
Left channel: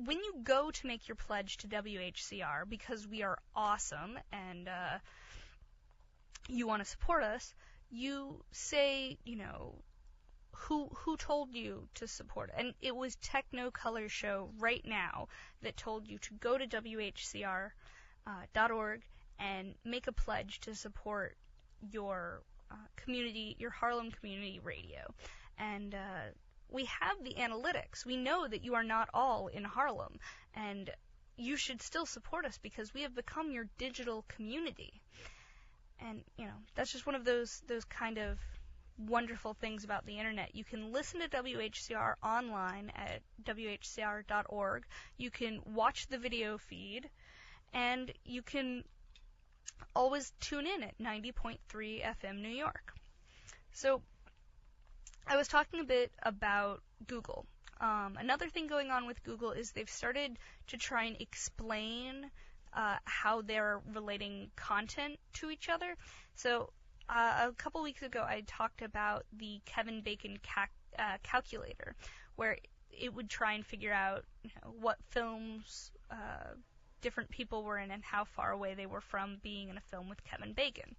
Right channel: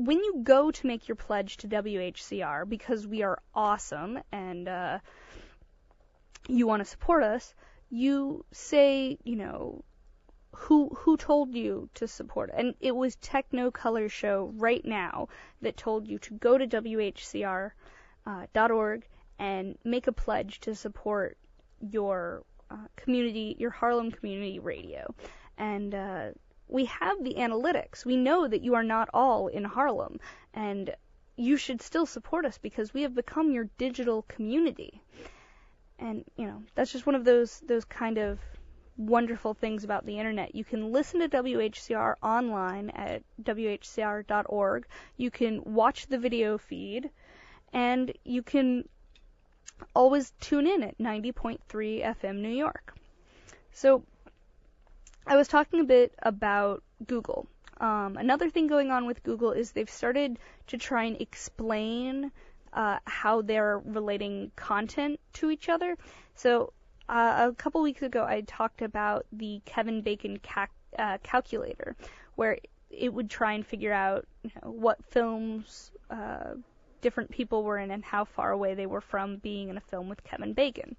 go to make your pledge to WHCR, because we are awesome and you want to support us, you say, who told you to support it? And it was Technocolor Show right now that told you to go to WHCR.org and make a pledge to support your community, your Harlem community radio. And we have the analytics. We know that you are not all in Harlem, and you should still support us because we have become your digital community. And, that's just one of those kind of wonderful things about the internet. You can listen to WHCR online at WHCR.org. You can watch the video feed, and you can always tune in at 90.3 FM New York. So I was talking a bit about Google. Another thing going on with Google is they've started to try and explain how they're relating content to each other. So a couple weeks ago, I talked about the Kevin Bacon calculator, where it would try and figure out what films different people were in and how far away they were from being in a film with Kevin Bacon.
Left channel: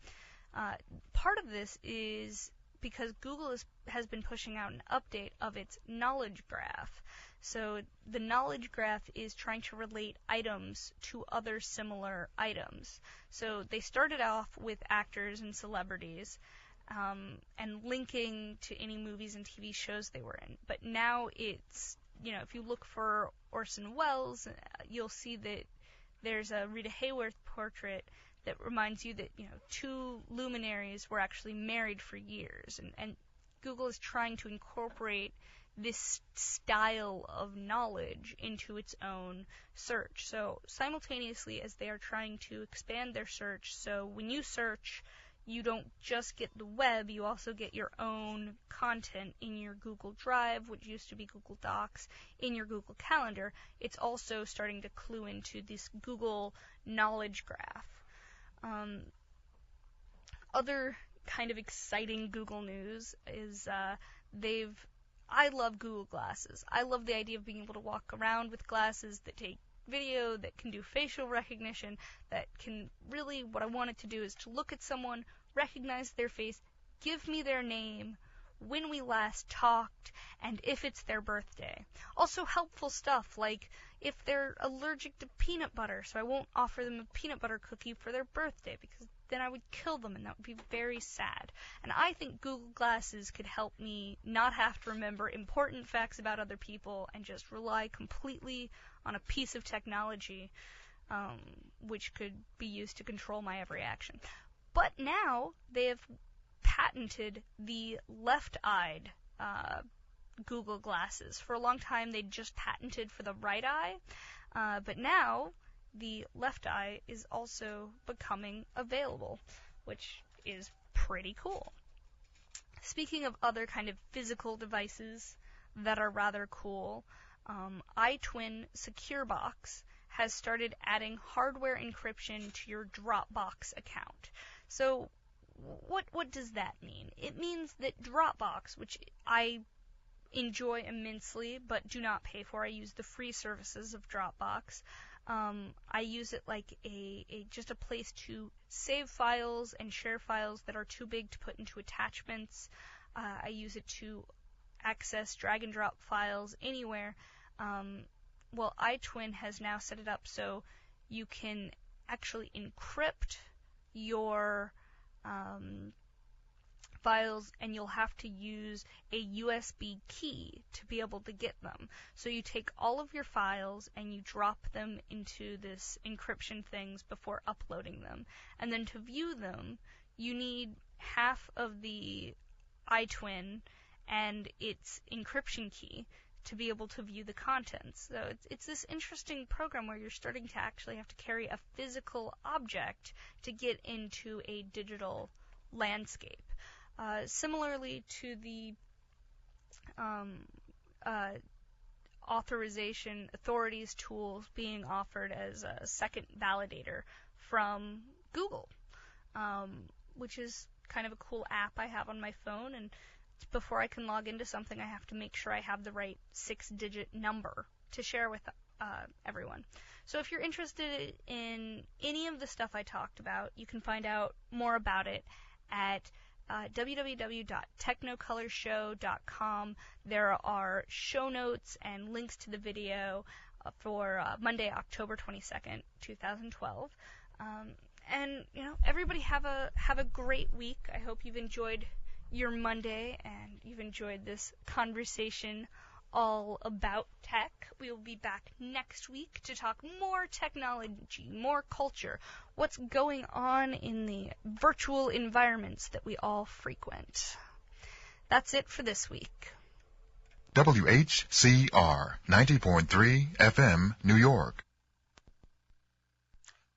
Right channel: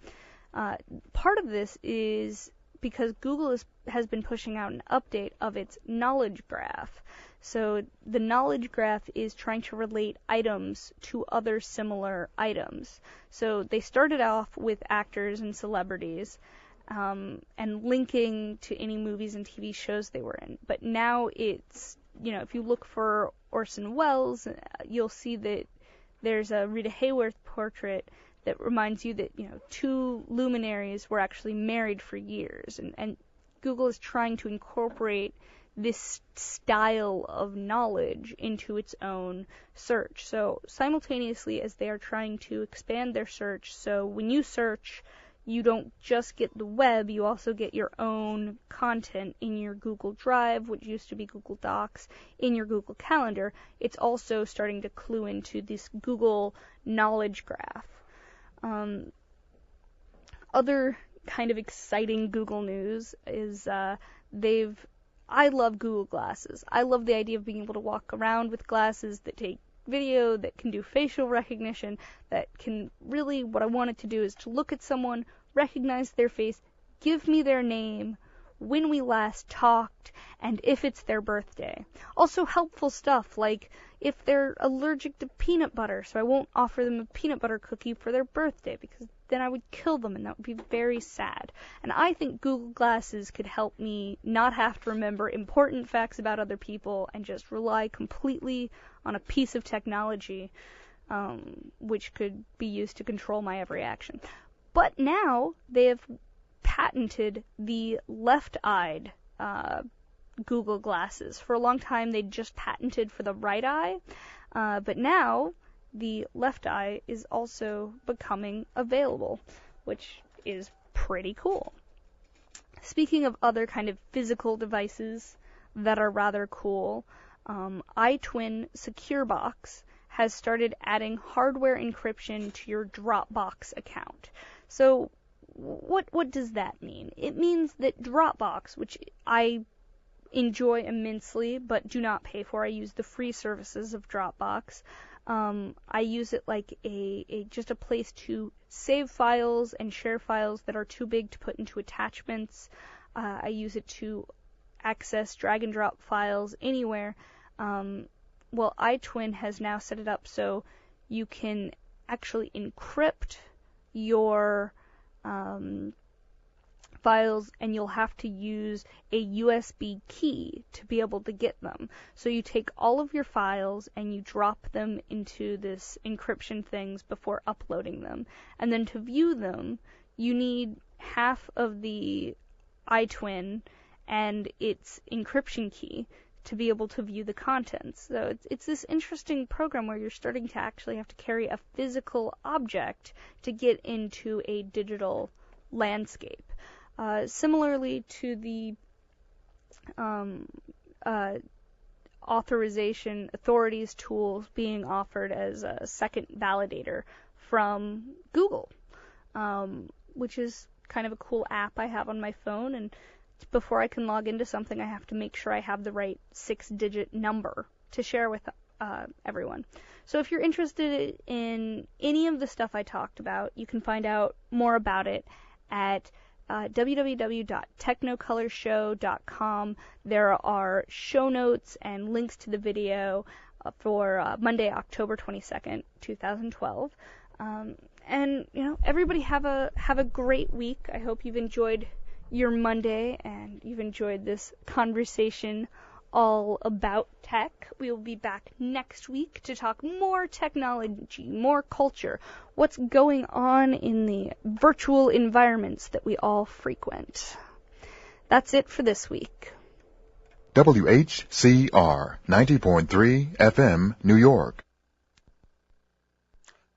Part of this is because Google has been pushing out an update of its knowledge graph. So the knowledge graph is trying to relate items to other similar items. So they started off with actors and celebrities and linking to any movies and TV shows they were in. But now it's, if you look for Orson Welles, you'll see that there's a Rita Hayworth portrait that reminds you that, two luminaries were actually married for years. And Google is trying to incorporate this style of knowledge into its own search. So simultaneously as they are trying to expand their search, so when you search, you don't just get the web, you also get your own content in your Google Drive, which used to be Google Docs, in your Google Calendar. It's also starting to clue into this Google knowledge graph. Other kind of exciting Google news is I love Google Glasses. I love the idea of being able to walk around with glasses that take video, that can do facial recognition, that can really, what I want it to do is to look at someone, recognize their face, give me their name, when we last talked, and if it's their birthday. Also helpful stuff like if they're allergic to peanut butter, so I won't offer them a peanut butter cookie for their birthday because then I would kill them and that would be very sad. And I think Google Glasses could help me not have to remember important facts about other people and just rely completely on a piece of technology which could be used to control my every action. But now they have patented the left-eyed Google Glasses. For a long time, they just patented for the right eye, but now the left eye is also becoming available, which is pretty cool. Speaking of other kind of physical devices that are rather cool, iTwin Secure Box has started adding hardware encryption to your Dropbox account. So what does that mean? It means that Dropbox, which I enjoy immensely but do not pay for, I use the free services of Dropbox. I use it like just a place to save files and share files that are too big to put into attachments. I use it to access drag and drop files anywhere. Well, iTwin has now set it up so you can actually encrypt your files, and you'll have to use a USB key to be able to get them. So you take all of your files and you drop them into this encryption things before uploading them. And then to view them, you need half of the iTwin and its encryption key to be able to view the contents. So it's this interesting program where you're starting to actually have to carry a physical object to get into a digital landscape. Similarly to the authorization authorities tools being offered as a second validator from Google, which is kind of a cool app I have on my phone, and before I can log into something I have to make sure I have the right 6-digit number to share with everyone. So if you're interested in any of the stuff I talked about, you can find out more about it at www.technicolorshow.com. There are show notes and links to the video for Monday, October 22nd, 2012. And everybody have a great week. I hope you've enjoyed your Monday and you've enjoyed this conversation all about tech. We will be back next week to talk more technology, more culture, what's going on in the virtual environments that we all frequent. That's it for this week. WHCR 90.3 FM, New York.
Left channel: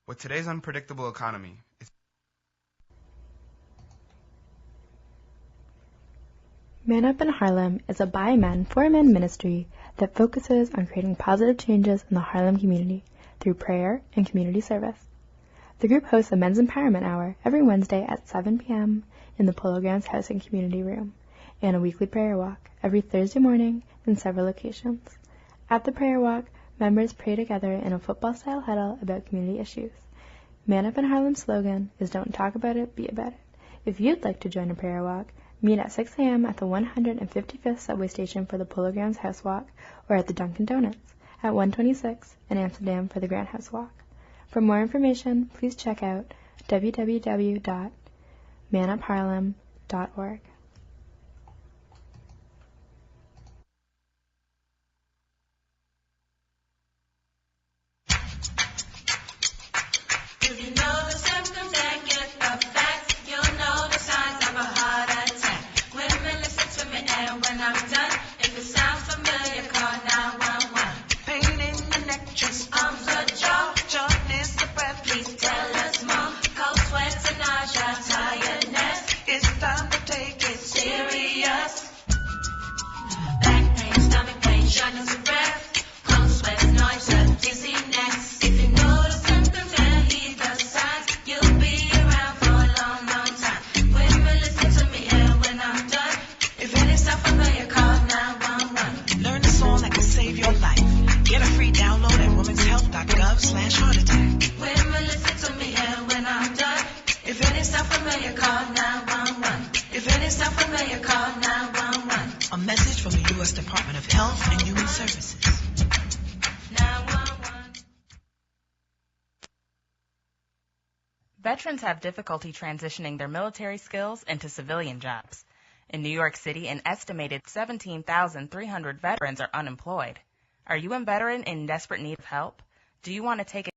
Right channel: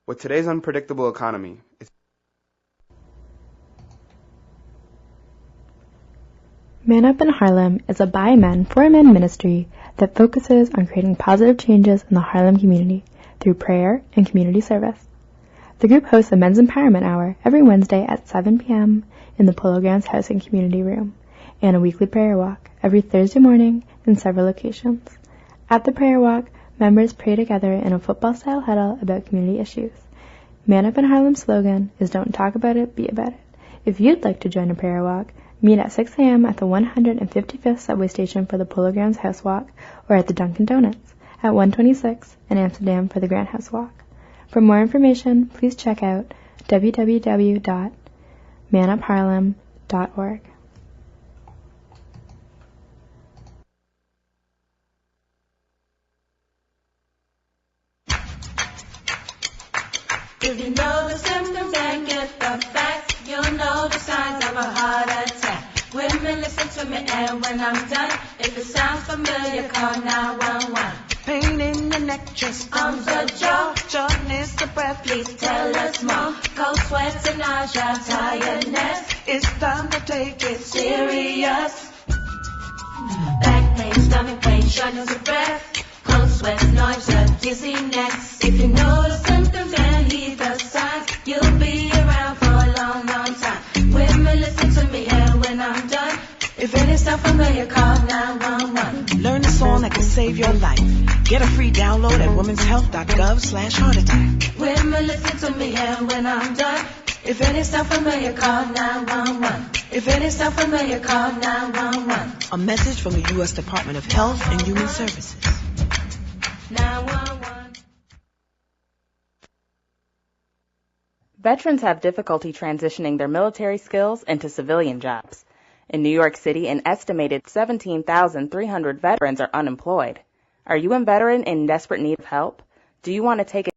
With today's unpredictable economy, Man Up in Harlem is a by men for men ministry that focuses on creating positive changes in the Harlem community through prayer and community service. The group hosts a men's empowerment hour every Wednesday at 7 p.m. in the Polo Grounds House and Community Room, and a weekly prayer walk every Thursday morning in several locations. At the prayer walk, members pray together in a football-style huddle about community issues. Man Up in Harlem's slogan is "Don't talk about it, be about it." If you'd like to join a prayer walk, meet at 6 a.m. at the 155th subway station for the Polo Grounds House Walk, or at the Dunkin' Donuts at 126 in Amsterdam for the Grand House Walk. For more information, please check out www.manupharlem.org. If you know the symptoms and get the facts, you'll know the signs of a heart attack. Women, listen to me, and when I'm done, if it sounds familiar, call 911. Pain in the neck, chest, arms or jaw, shortness of breath, please tell us more. Cold sweats and nausea, tiredness, it's time to take it serious. Back pain, stomach pain, shortness of breath, cold sweats, nausea, dizziness. If you know the symptoms and heed the signs, you'll be around for a long, long time. Women, listen to me, and when I'm done, if any sound familiar, call 911. Learn a song that can save your life. Get a free download at womenshealth.gov/heart attack. Women, listen to me, and when I'm done, if any sound familiar, call 911. If any sound familiar, call 911. A message from the U.S. Department of Health and Human Services. 911. Veterans have difficulty transitioning their military skills into civilian jobs. In New York City, an estimated 17,300 veterans are unemployed. Are you a veteran in desperate need of help? Do you want to take